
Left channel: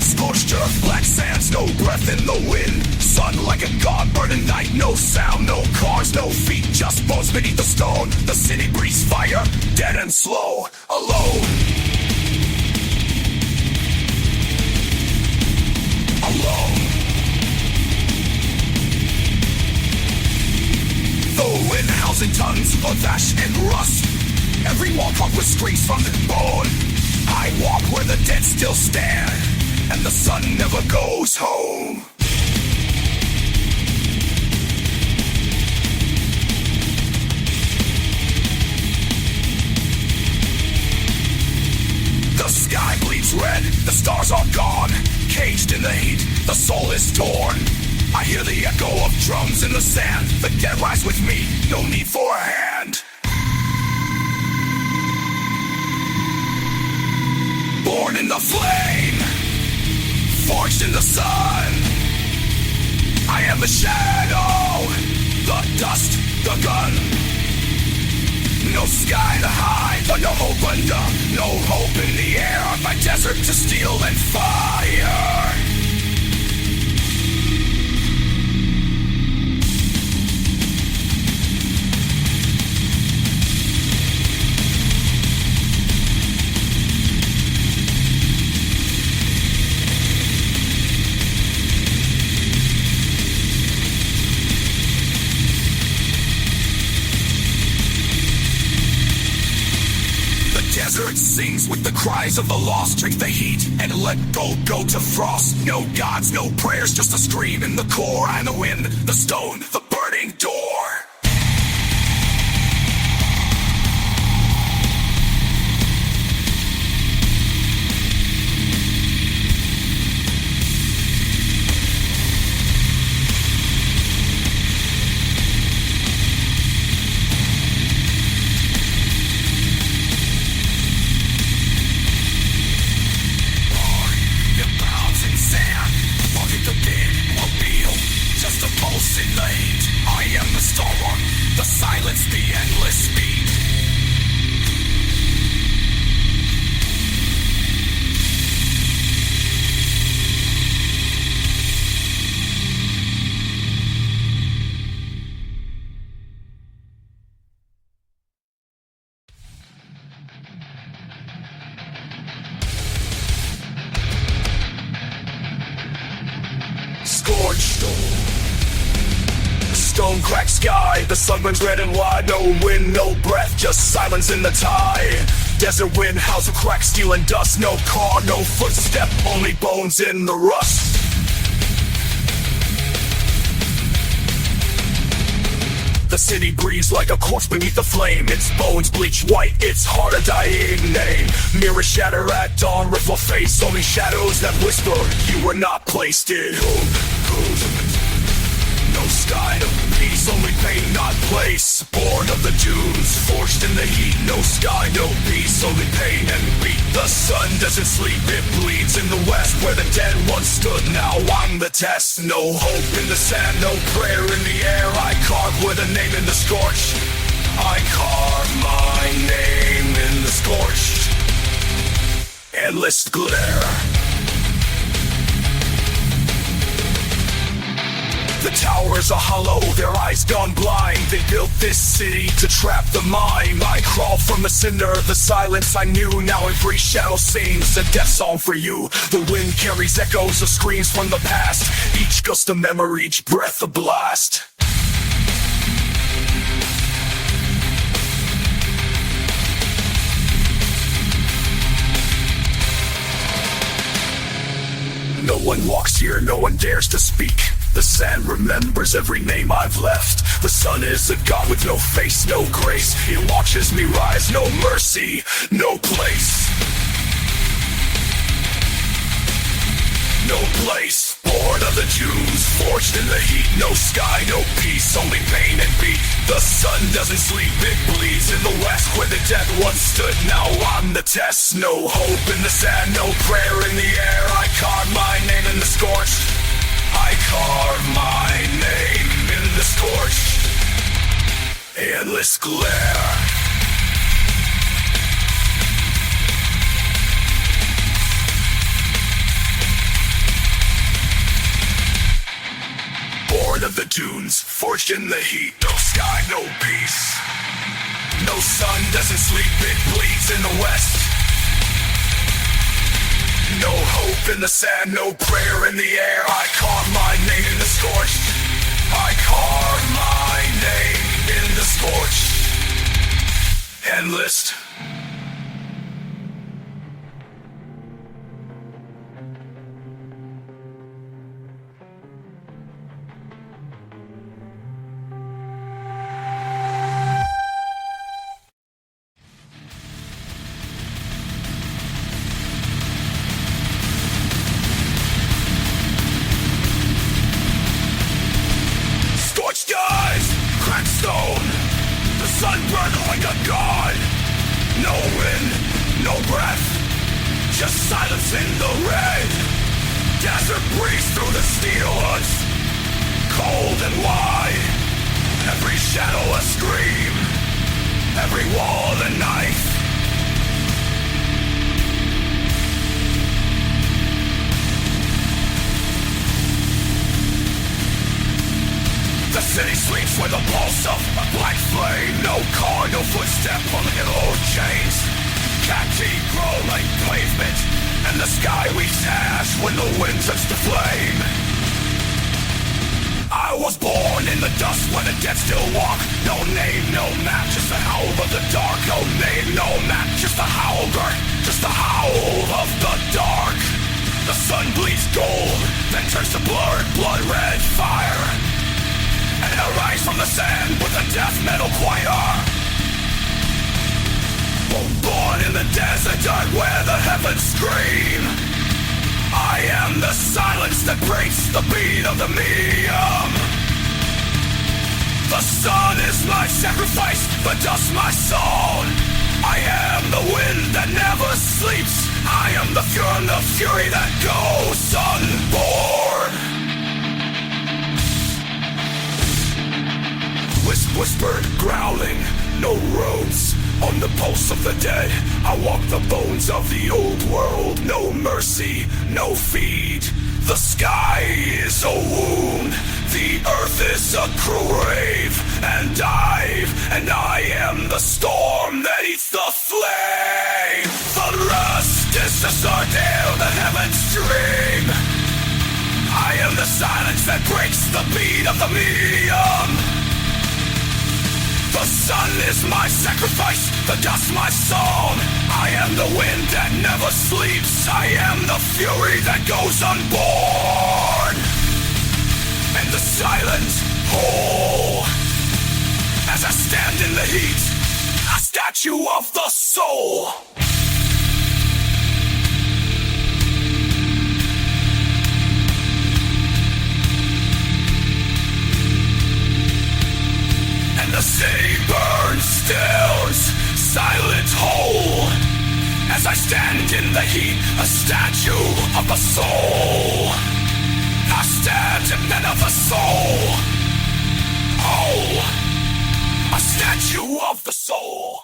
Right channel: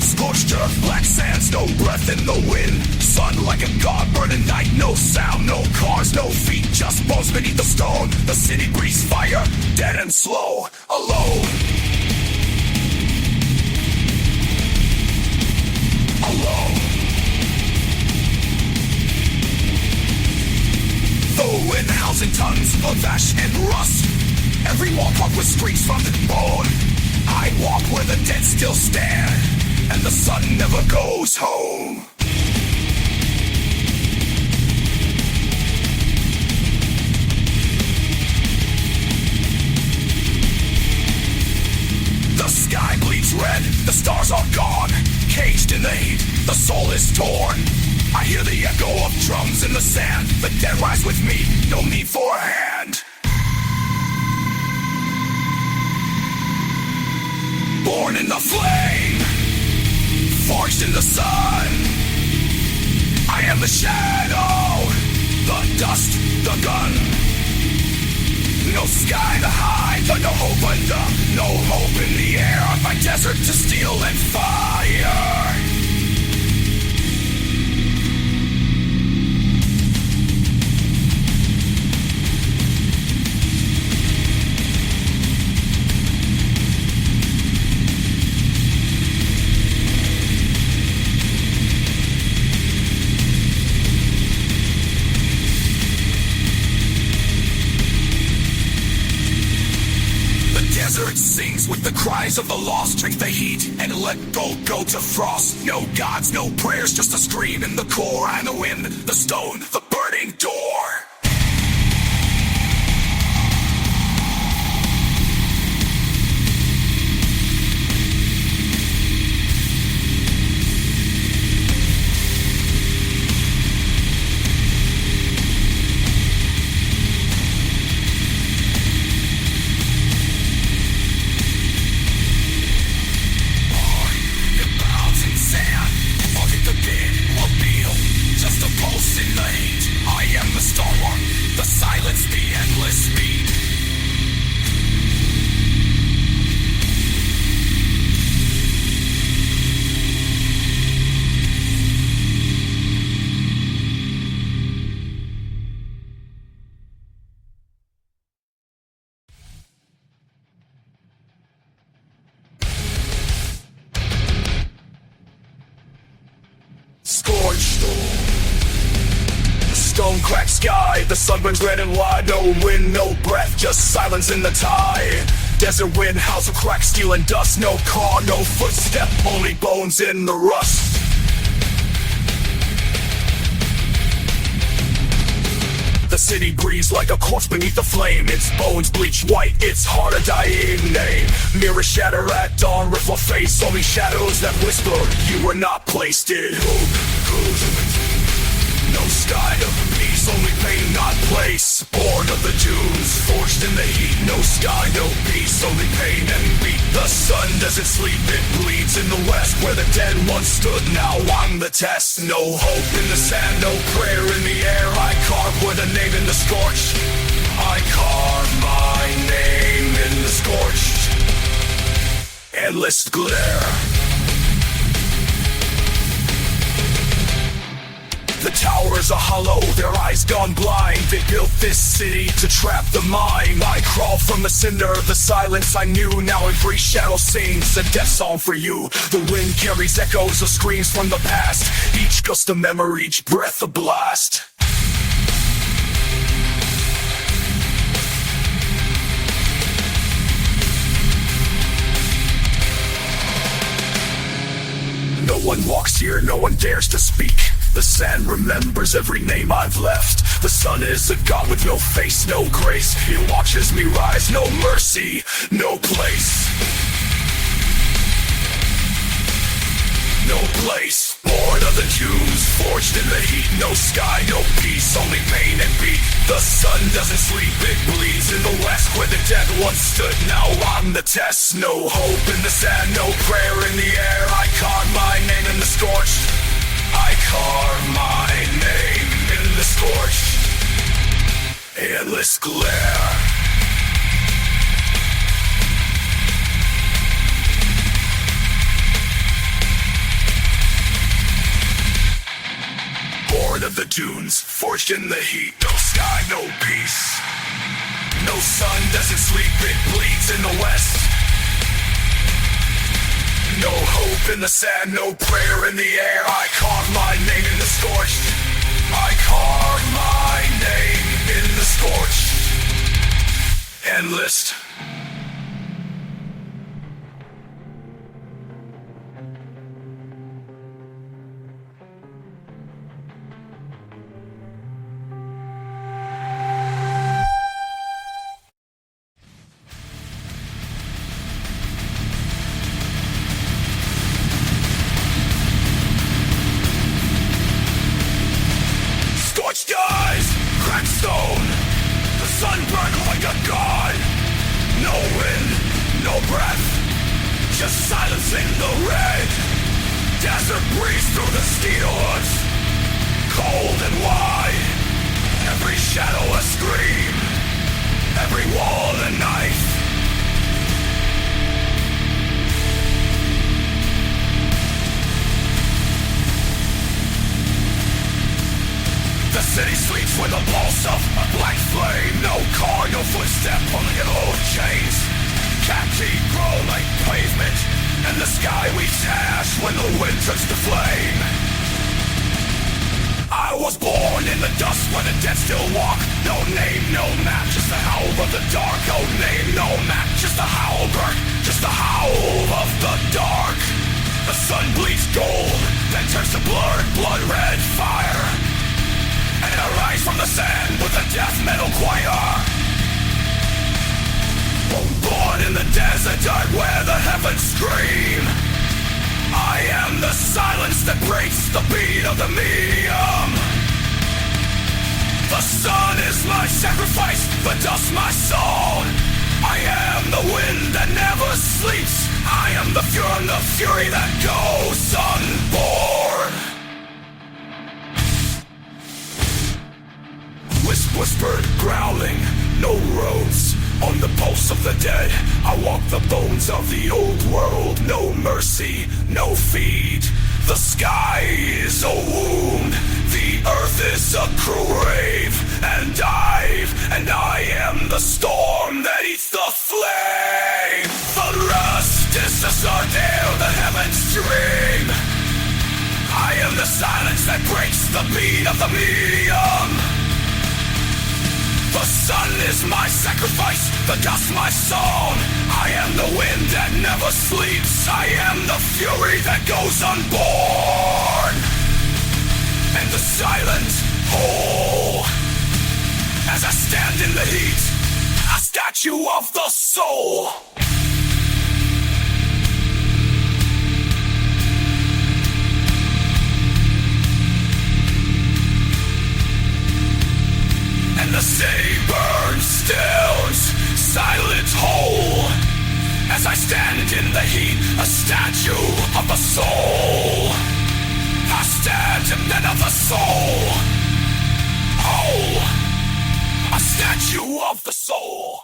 Scorched earth, black sands, no breath in the wind. Sun like a god, burning night, no sound, no cars, no feet, just bones beneath the stone. The city breathes fire, dead and slow, alone. Alone. The wind howls in tons of ash and rust. Every wall carved with streaks from the bone. I walk where the dead still stand, and the sun never goes home. The sky bleeds red, the stars are gone. Caged in the heat, the soul is torn. I hear the echo of drums in the sand. The dead rise with me, no need for a hand. Born in the flame, forged in the sun. I am the shadow, the dust, the gun. No sky to hide, no hope under, no hope in the air. I fight desert to steel and fire. Desert sings with the cries of the lost. Drink the heat and let go to frost. No gods, no prayers, just a scream in the core. I'm the wind, the stone, the burning door. Just a pulsing light. I am the storm. scorched. The stone cracked sky, the sun burns red and wide. No wind, no breath, just silence in the tide. Desert wind, house of cracked steel and dust. No car, no footstep, only bones in the rust. The city breathes like a corpse beneath the flame. Its bones bleach white, its heart a dying name. Mirrors shatter at dawn, ripple face. Only shadows that whisper you were not placed in. No sky, no peace, only pain, not place. Born of the dunes, forged in the heat. No sky, no peace, only pain and beat. The sun doesn't sleep, it bleeds in the west. Where the dead once stood, now I'm the test. No hope in the sand, no prayer in the air. I carve with a name in the scorched. I carve my name in the scorched. Endless glare. The towers are hollow, their eyes gone blind. They built this city to trap the mind. I crawl from the cinder, the silence I knew. Now every shadow sings a death song for you. The wind carries echoes of screams from the past. Each gust a memory, each breath a blast. No one walks here, no one dares to speak. The sand remembers every name I've left. The sun is a god with no face, no grace. It watches me rise, no mercy, no place. No place, born of the dunes, forged in the heat. No sky, no peace, only pain and beat. The sun doesn't sleep, it bleeds in the west. Where the dead once stood, now I'm the test. No hope in the sand, no prayer in the air. I carve my name in the scorched. I carve my name in the scorched. Endless glare. Born of the dunes, forged in the heat. No sky, no peace. No sun doesn't sleep, it bleeds in the west. No hope in the sand, no prayer in the air. I carve my name in the scorched. I carve my name in the scorched. Endless. Stone, the sun burned like a god. No wind, no breath, just silence in the red. Desert breeze through the steel huts, cold and wide. Every shadow a scream, every wall a knife. The city sleeps with a pulse of a black flame. No car, no footstep, only yellow chains. Khaki grow like pavement, and the sky weeps ash when the wind touches the flame. I was born in the dust where the dead still walk. No name, no map, just the howl of the dark. No name, no map, just the howl, just the howl of the dark. The sun bleeds gold, then turns to blood red fire. And I rise from the sand with a death metal choir. Born in the desert dirt where the heavens scream. I am the silence that breaks the beat of the medium. The sun is my sacrifice, the dust my song. I am the wind that never sleeps. I am the fury that goes unborn. Whispered, growling, no roads. On the pulse of the dead, I walk the bones of the old world. No mercy, no feed. The sky is a wound, the earth is a grave. And I am the storm that eats the flame. The rust is just our nail, the heavens dream. I am the silence that breaks the beat of the medium. The sun is my sacrifice, the dust my song. I am the wind that never sleeps. I am the fury that goes unborn. And the silent hole. As I stand in the heat, a statue of the soul. And the sea burns stills, silent hole. As I stand in the heat, a statue of the soul. I stand in the of the soul. Oh, a statue of the soul.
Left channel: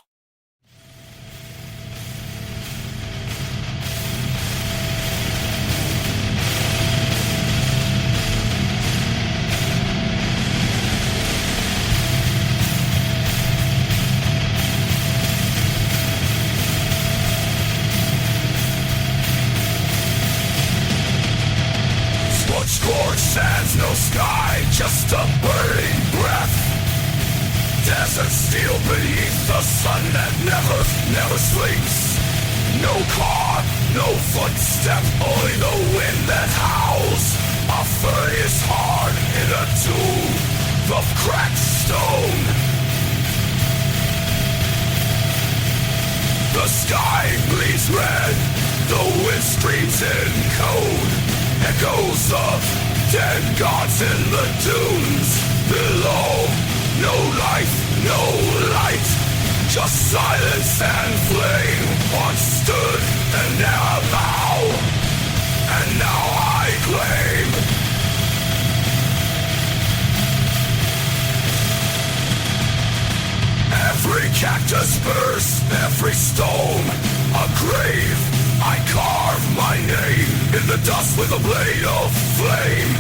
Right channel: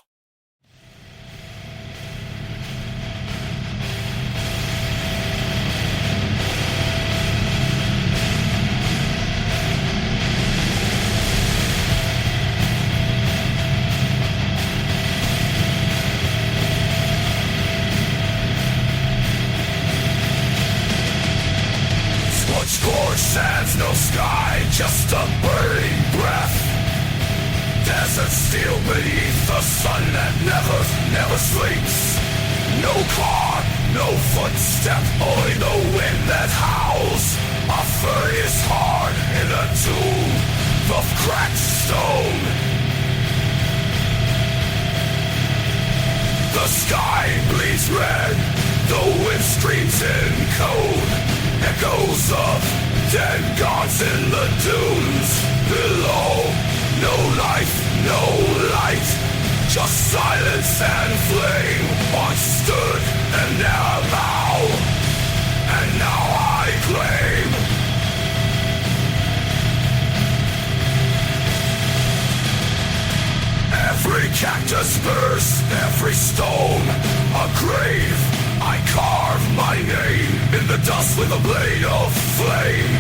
Scorched sands, no sky, just a burning breath. Desert steel beneath the sun that never sleeps. No clock, no footstep, only the wind that howls. A furious heart in a tomb of cracked stone. The sky bleeds red, the wind screams in code. Echoes of dead gods in the dunes below. No life, no light, just silence and flame. Once stood and now I claim. Every cactus bursts, every stone a grave. I carve my name in the dust with a blade of flame.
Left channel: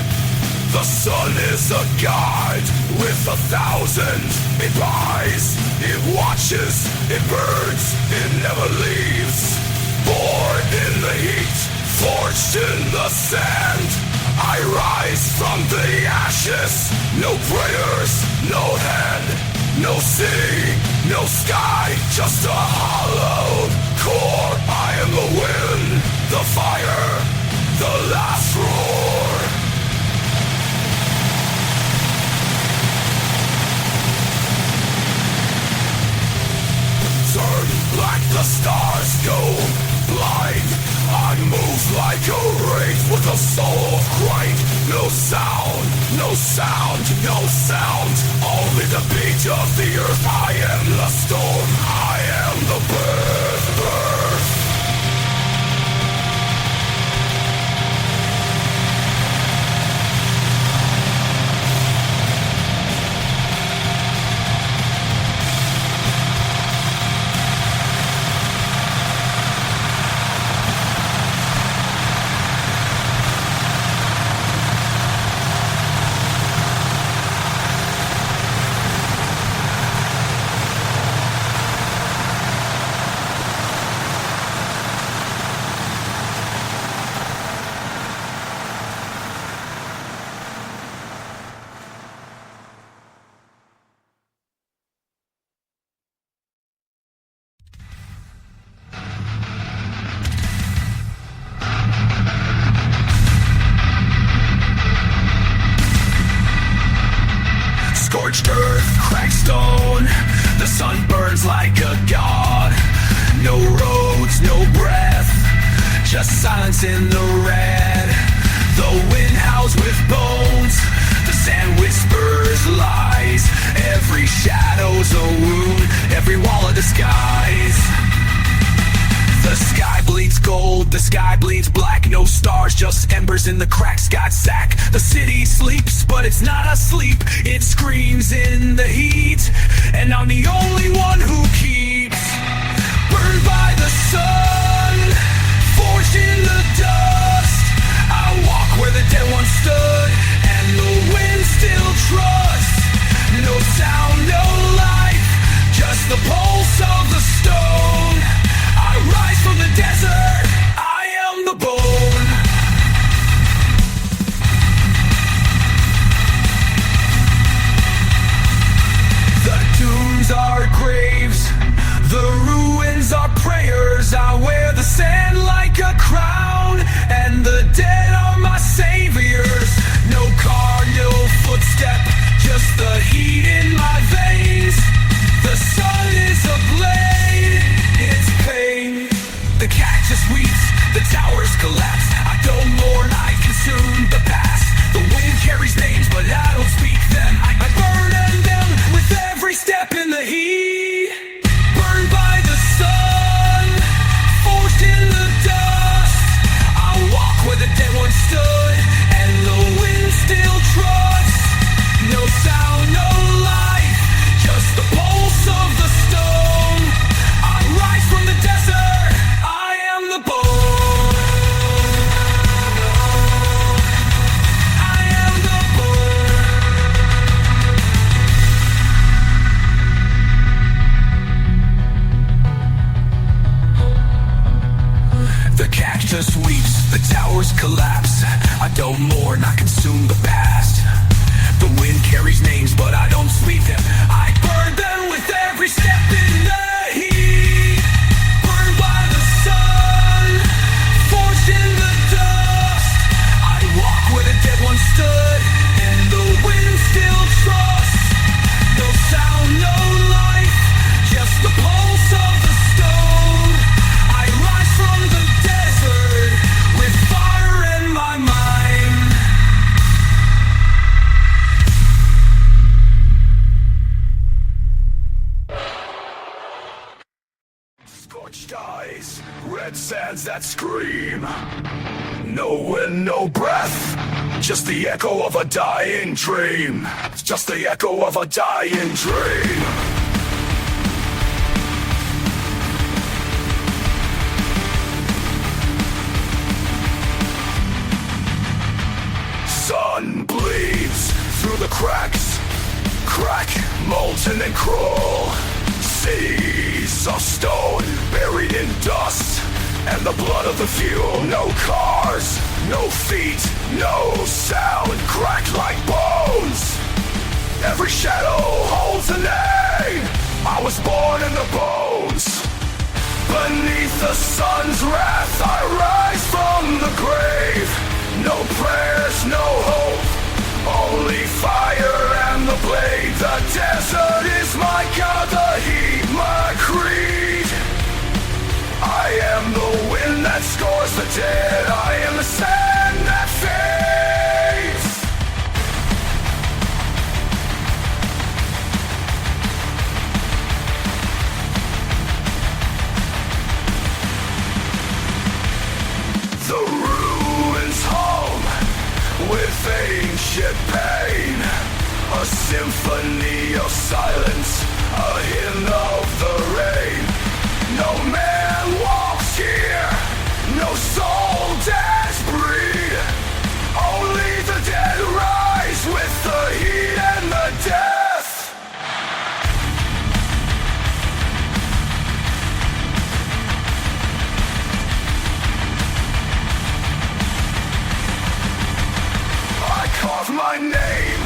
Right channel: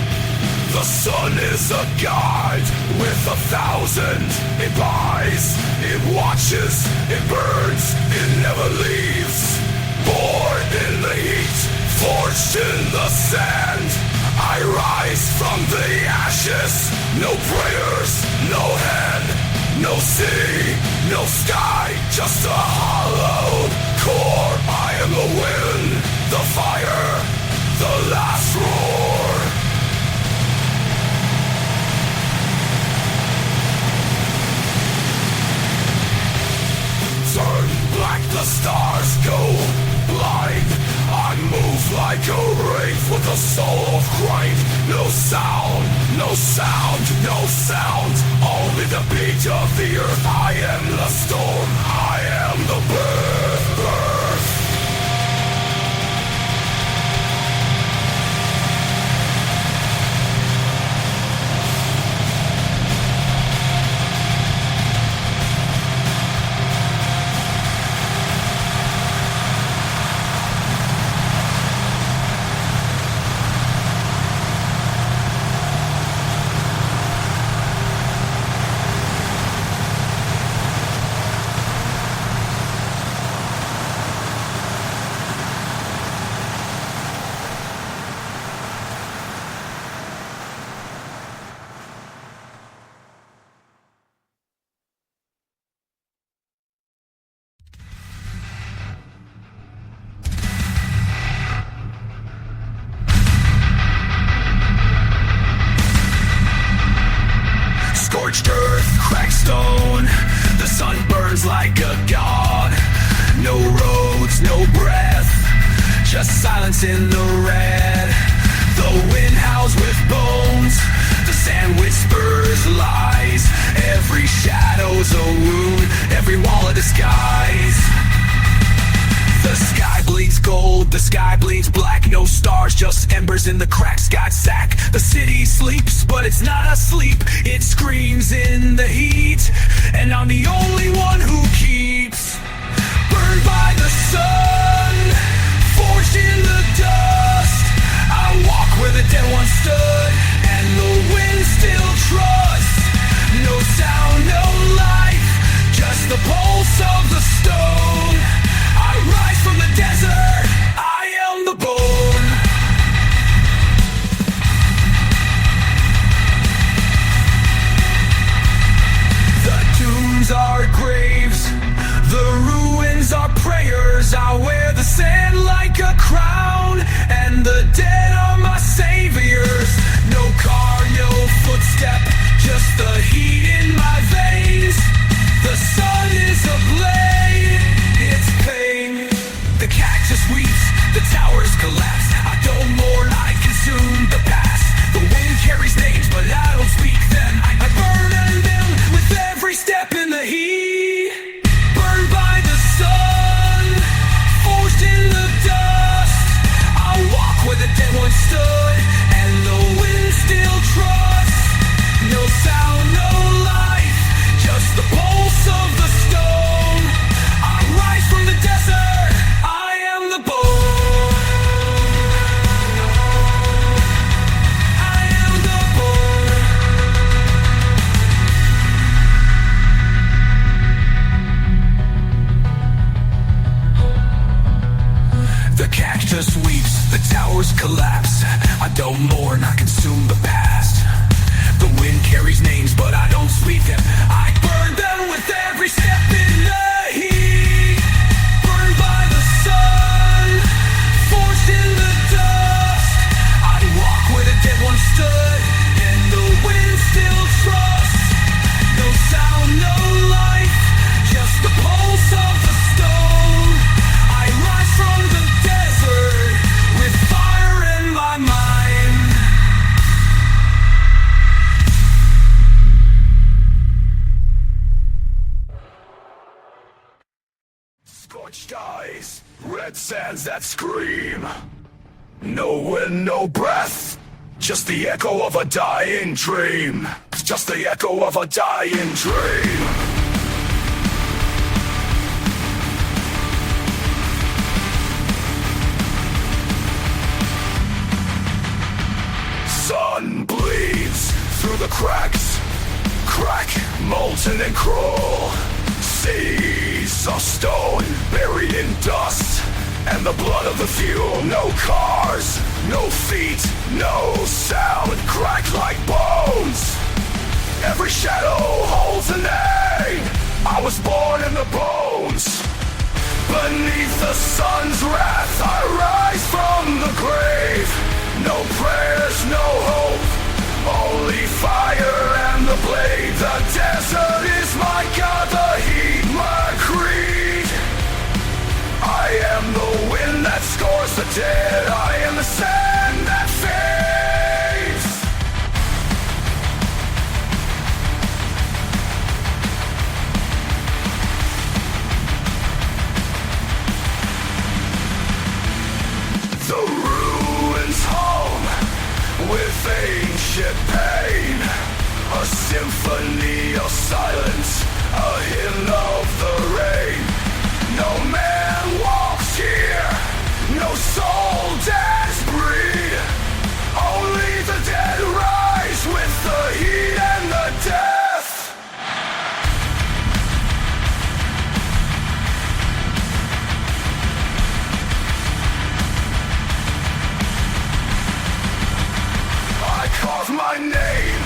The sun is a guide with 1,000 it buys, it watches, it burns, it never leaves. Born in the heat, forged in the sand, I rise from the ashes. No prayers, no hand, no sea, no sky, just a hollowed core. I am the wind, the fire, the last roar. Turn black, the stars go blind. I move like a wraith with a soul of grind. No sound, no sound, no sound. Only the beat of the earth. I am the storm, I am the birth. Scorched earth, cracked stone. The sun burns like a god. No roads, no breath, just silence in the red. The wind howls with bones, the sand whispers lies. Every shadow's a wound, every wall a disguise. The sky bleeds gold, the sky bleeds black. No stars, just embers in the cracked sky sack. The city sleeps, but it's not asleep. It screams in the heat, and I'm the only one who keeps. Burned by the sun, forged in the dust. I walk where the dead once stood, and the wind still trusts. No sound, no life, just the pulse of the stone. I rise from the desert, I am the bone. warriors, I wear the sand like a crown, and the dead are my saviors. No car, no footstep, just the heat in my veins. The sun is a blade, it's pain. The cactus weeps, the towers collapse. I don't mourn, I consume the past. The wind carries names, but I don't speak them. I burden them with every step in the heat. Burned by the sun, forged in the dust. I walk where the dead once stood, and the wind still trusts. No sound, no light, just the pulse of the stone. I rise from the desert, I am the bone. I am the bone. The cactus weeps, the towers collapse. I don't mourn, I consume the past. The wind carries names, but I don't speak them. I burn them with every step in the heat. Burned by the sun, forged in the dust. I walk where the dead once stood, and the wind still trusts. No sound, no life, just the pulse of the stone. I rise from the desert with fire in my mind. Scorched eyes, red sands that scream. No wind, no breath, just the echo of a dying dream. Just the echo of a dying dream. Sun bleeds through the cracks, crack, molten and cruel. Seas of stone buried in dust, and the blood of the few. No cars, no feet, no sound, cracked like bones. Every shadow holds a name. I was born in the bones. Beneath the sun's wrath, I rise from the grave. No prayers, no hope, only fire and the blade. The desert is my god, the heat my creed. I am the wind that scores the dead. I am the sand that fades. The ruins home with ancient pain. A symphony of silence, a hymn of the rain. No man walks here, no soul dares breathe. Only the dead rise with the heat and the death. I carve my name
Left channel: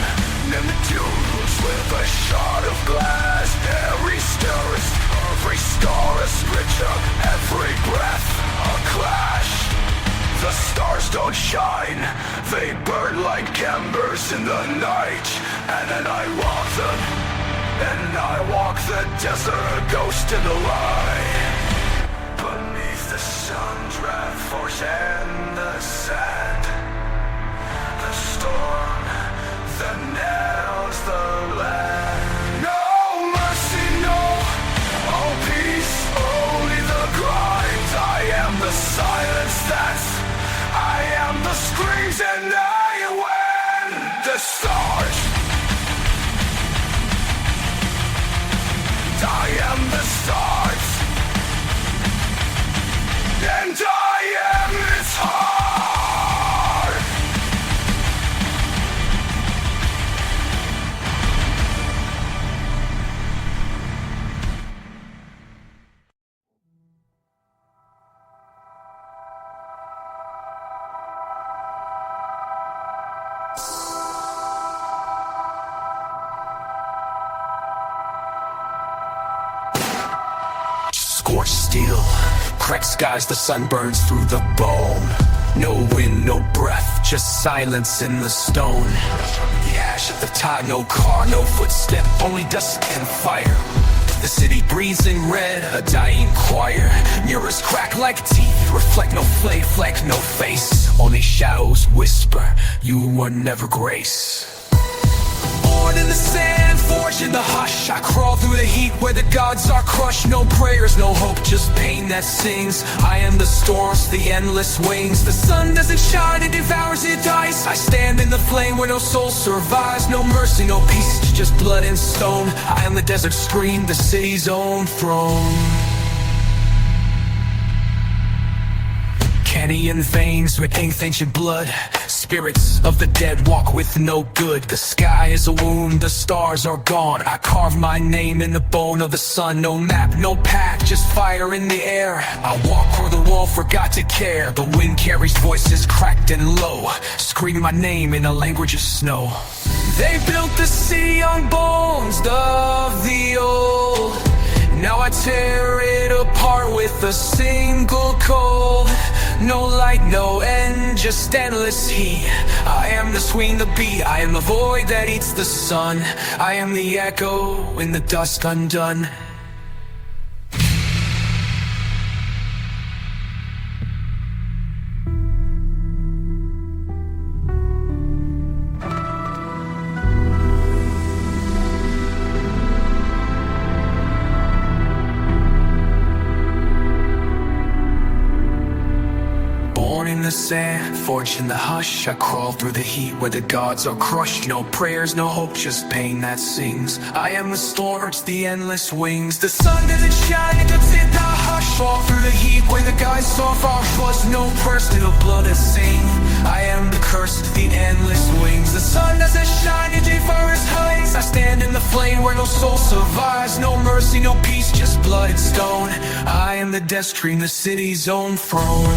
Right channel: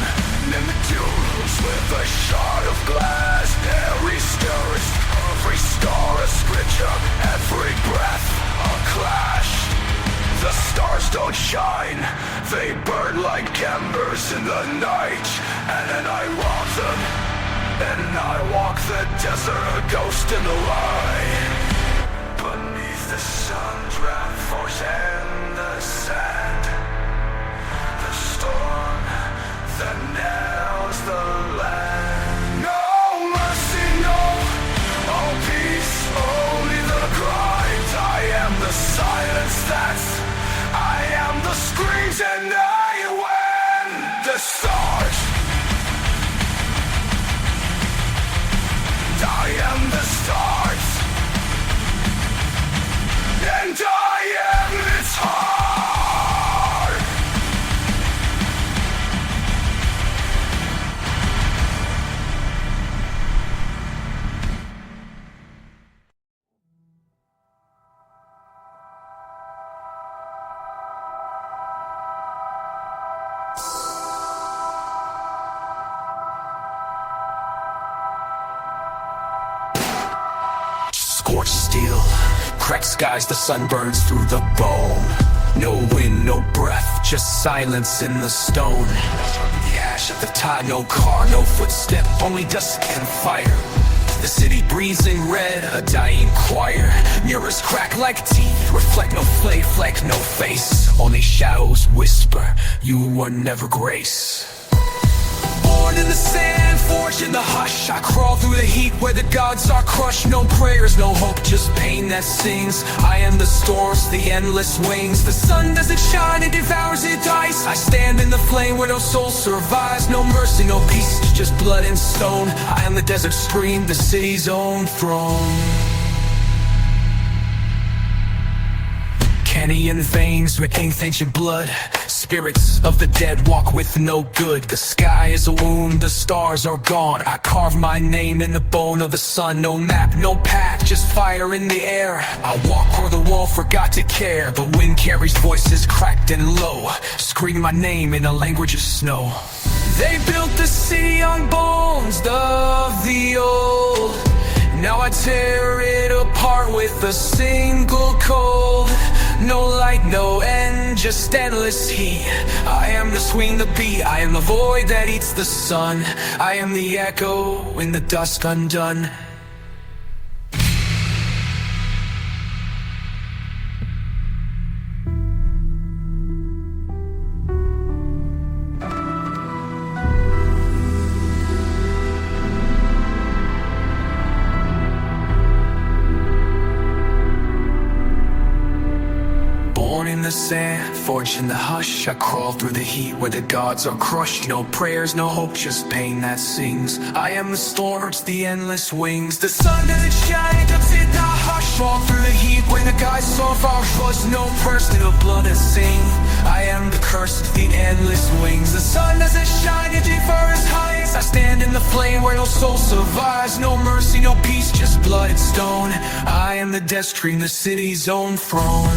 in the dunes with a shard of glass. Every scar a scripture, every breath a clash. The stars don't shine, they burn like embers in the night. And then I walk the desert, a ghost in the light. Beneath the sun's red force and the sand, the storm that nails the land. No mercy, no, all peace, only the grind. I am the silence I am the screams and I win. The stars, I am the stars, and I am its heart. Scorched steel, cracked skies, the sun burns through the bone. No wind, no breath, just silence in the stone. The ash of the tide, no car, no footstep, only dust and fire. The city breathes in red, a dying choir. Mirrors crack like teeth, reflect no fleck, no face. Only shadows whisper, you were never grace. Born in the sand, forged in the hush, I crawl through the heat where the gods are crushed. No prayers, no hope, just pain that sings. I am the storms, the endless wings. The sun doesn't shine, it devours, it dies. I stand in the flame where no soul survives. No mercy, no peace, just blood and stone. I am the desert scream, the city's own throne. Canyon veins with ancient blood. Spirits of the dead walk with no good. The sky is a wound, the stars are gone. I carve my name in the bone of the sun. No map, no path, just fire in the air. I walk on the wall, forgot to care. The wind carries voices cracked and low, scream my name in a language of snow. They built the city on bones of the old. Now I tear it apart with a single cold. No light, no end, just endless heat. I am the swing, the beat, I am the void that eats the sun. I am the echo in the dust undone. The sand, forged in the hush, I crawl through the heat where the gods are crushed. No prayers, no hope, just pain that sings. I am the storms, the endless wings. The sun doesn't shine, it doesn't in the hush. Fall through the heat when the gods so far flushed. No prayers, still blood and sing. I am the cursed, the endless wings. The sun doesn't shine, it devours heights. I stand in the flame where no soul survives. No mercy, no peace, just blood and stone. I am the death stream, the city's own throne.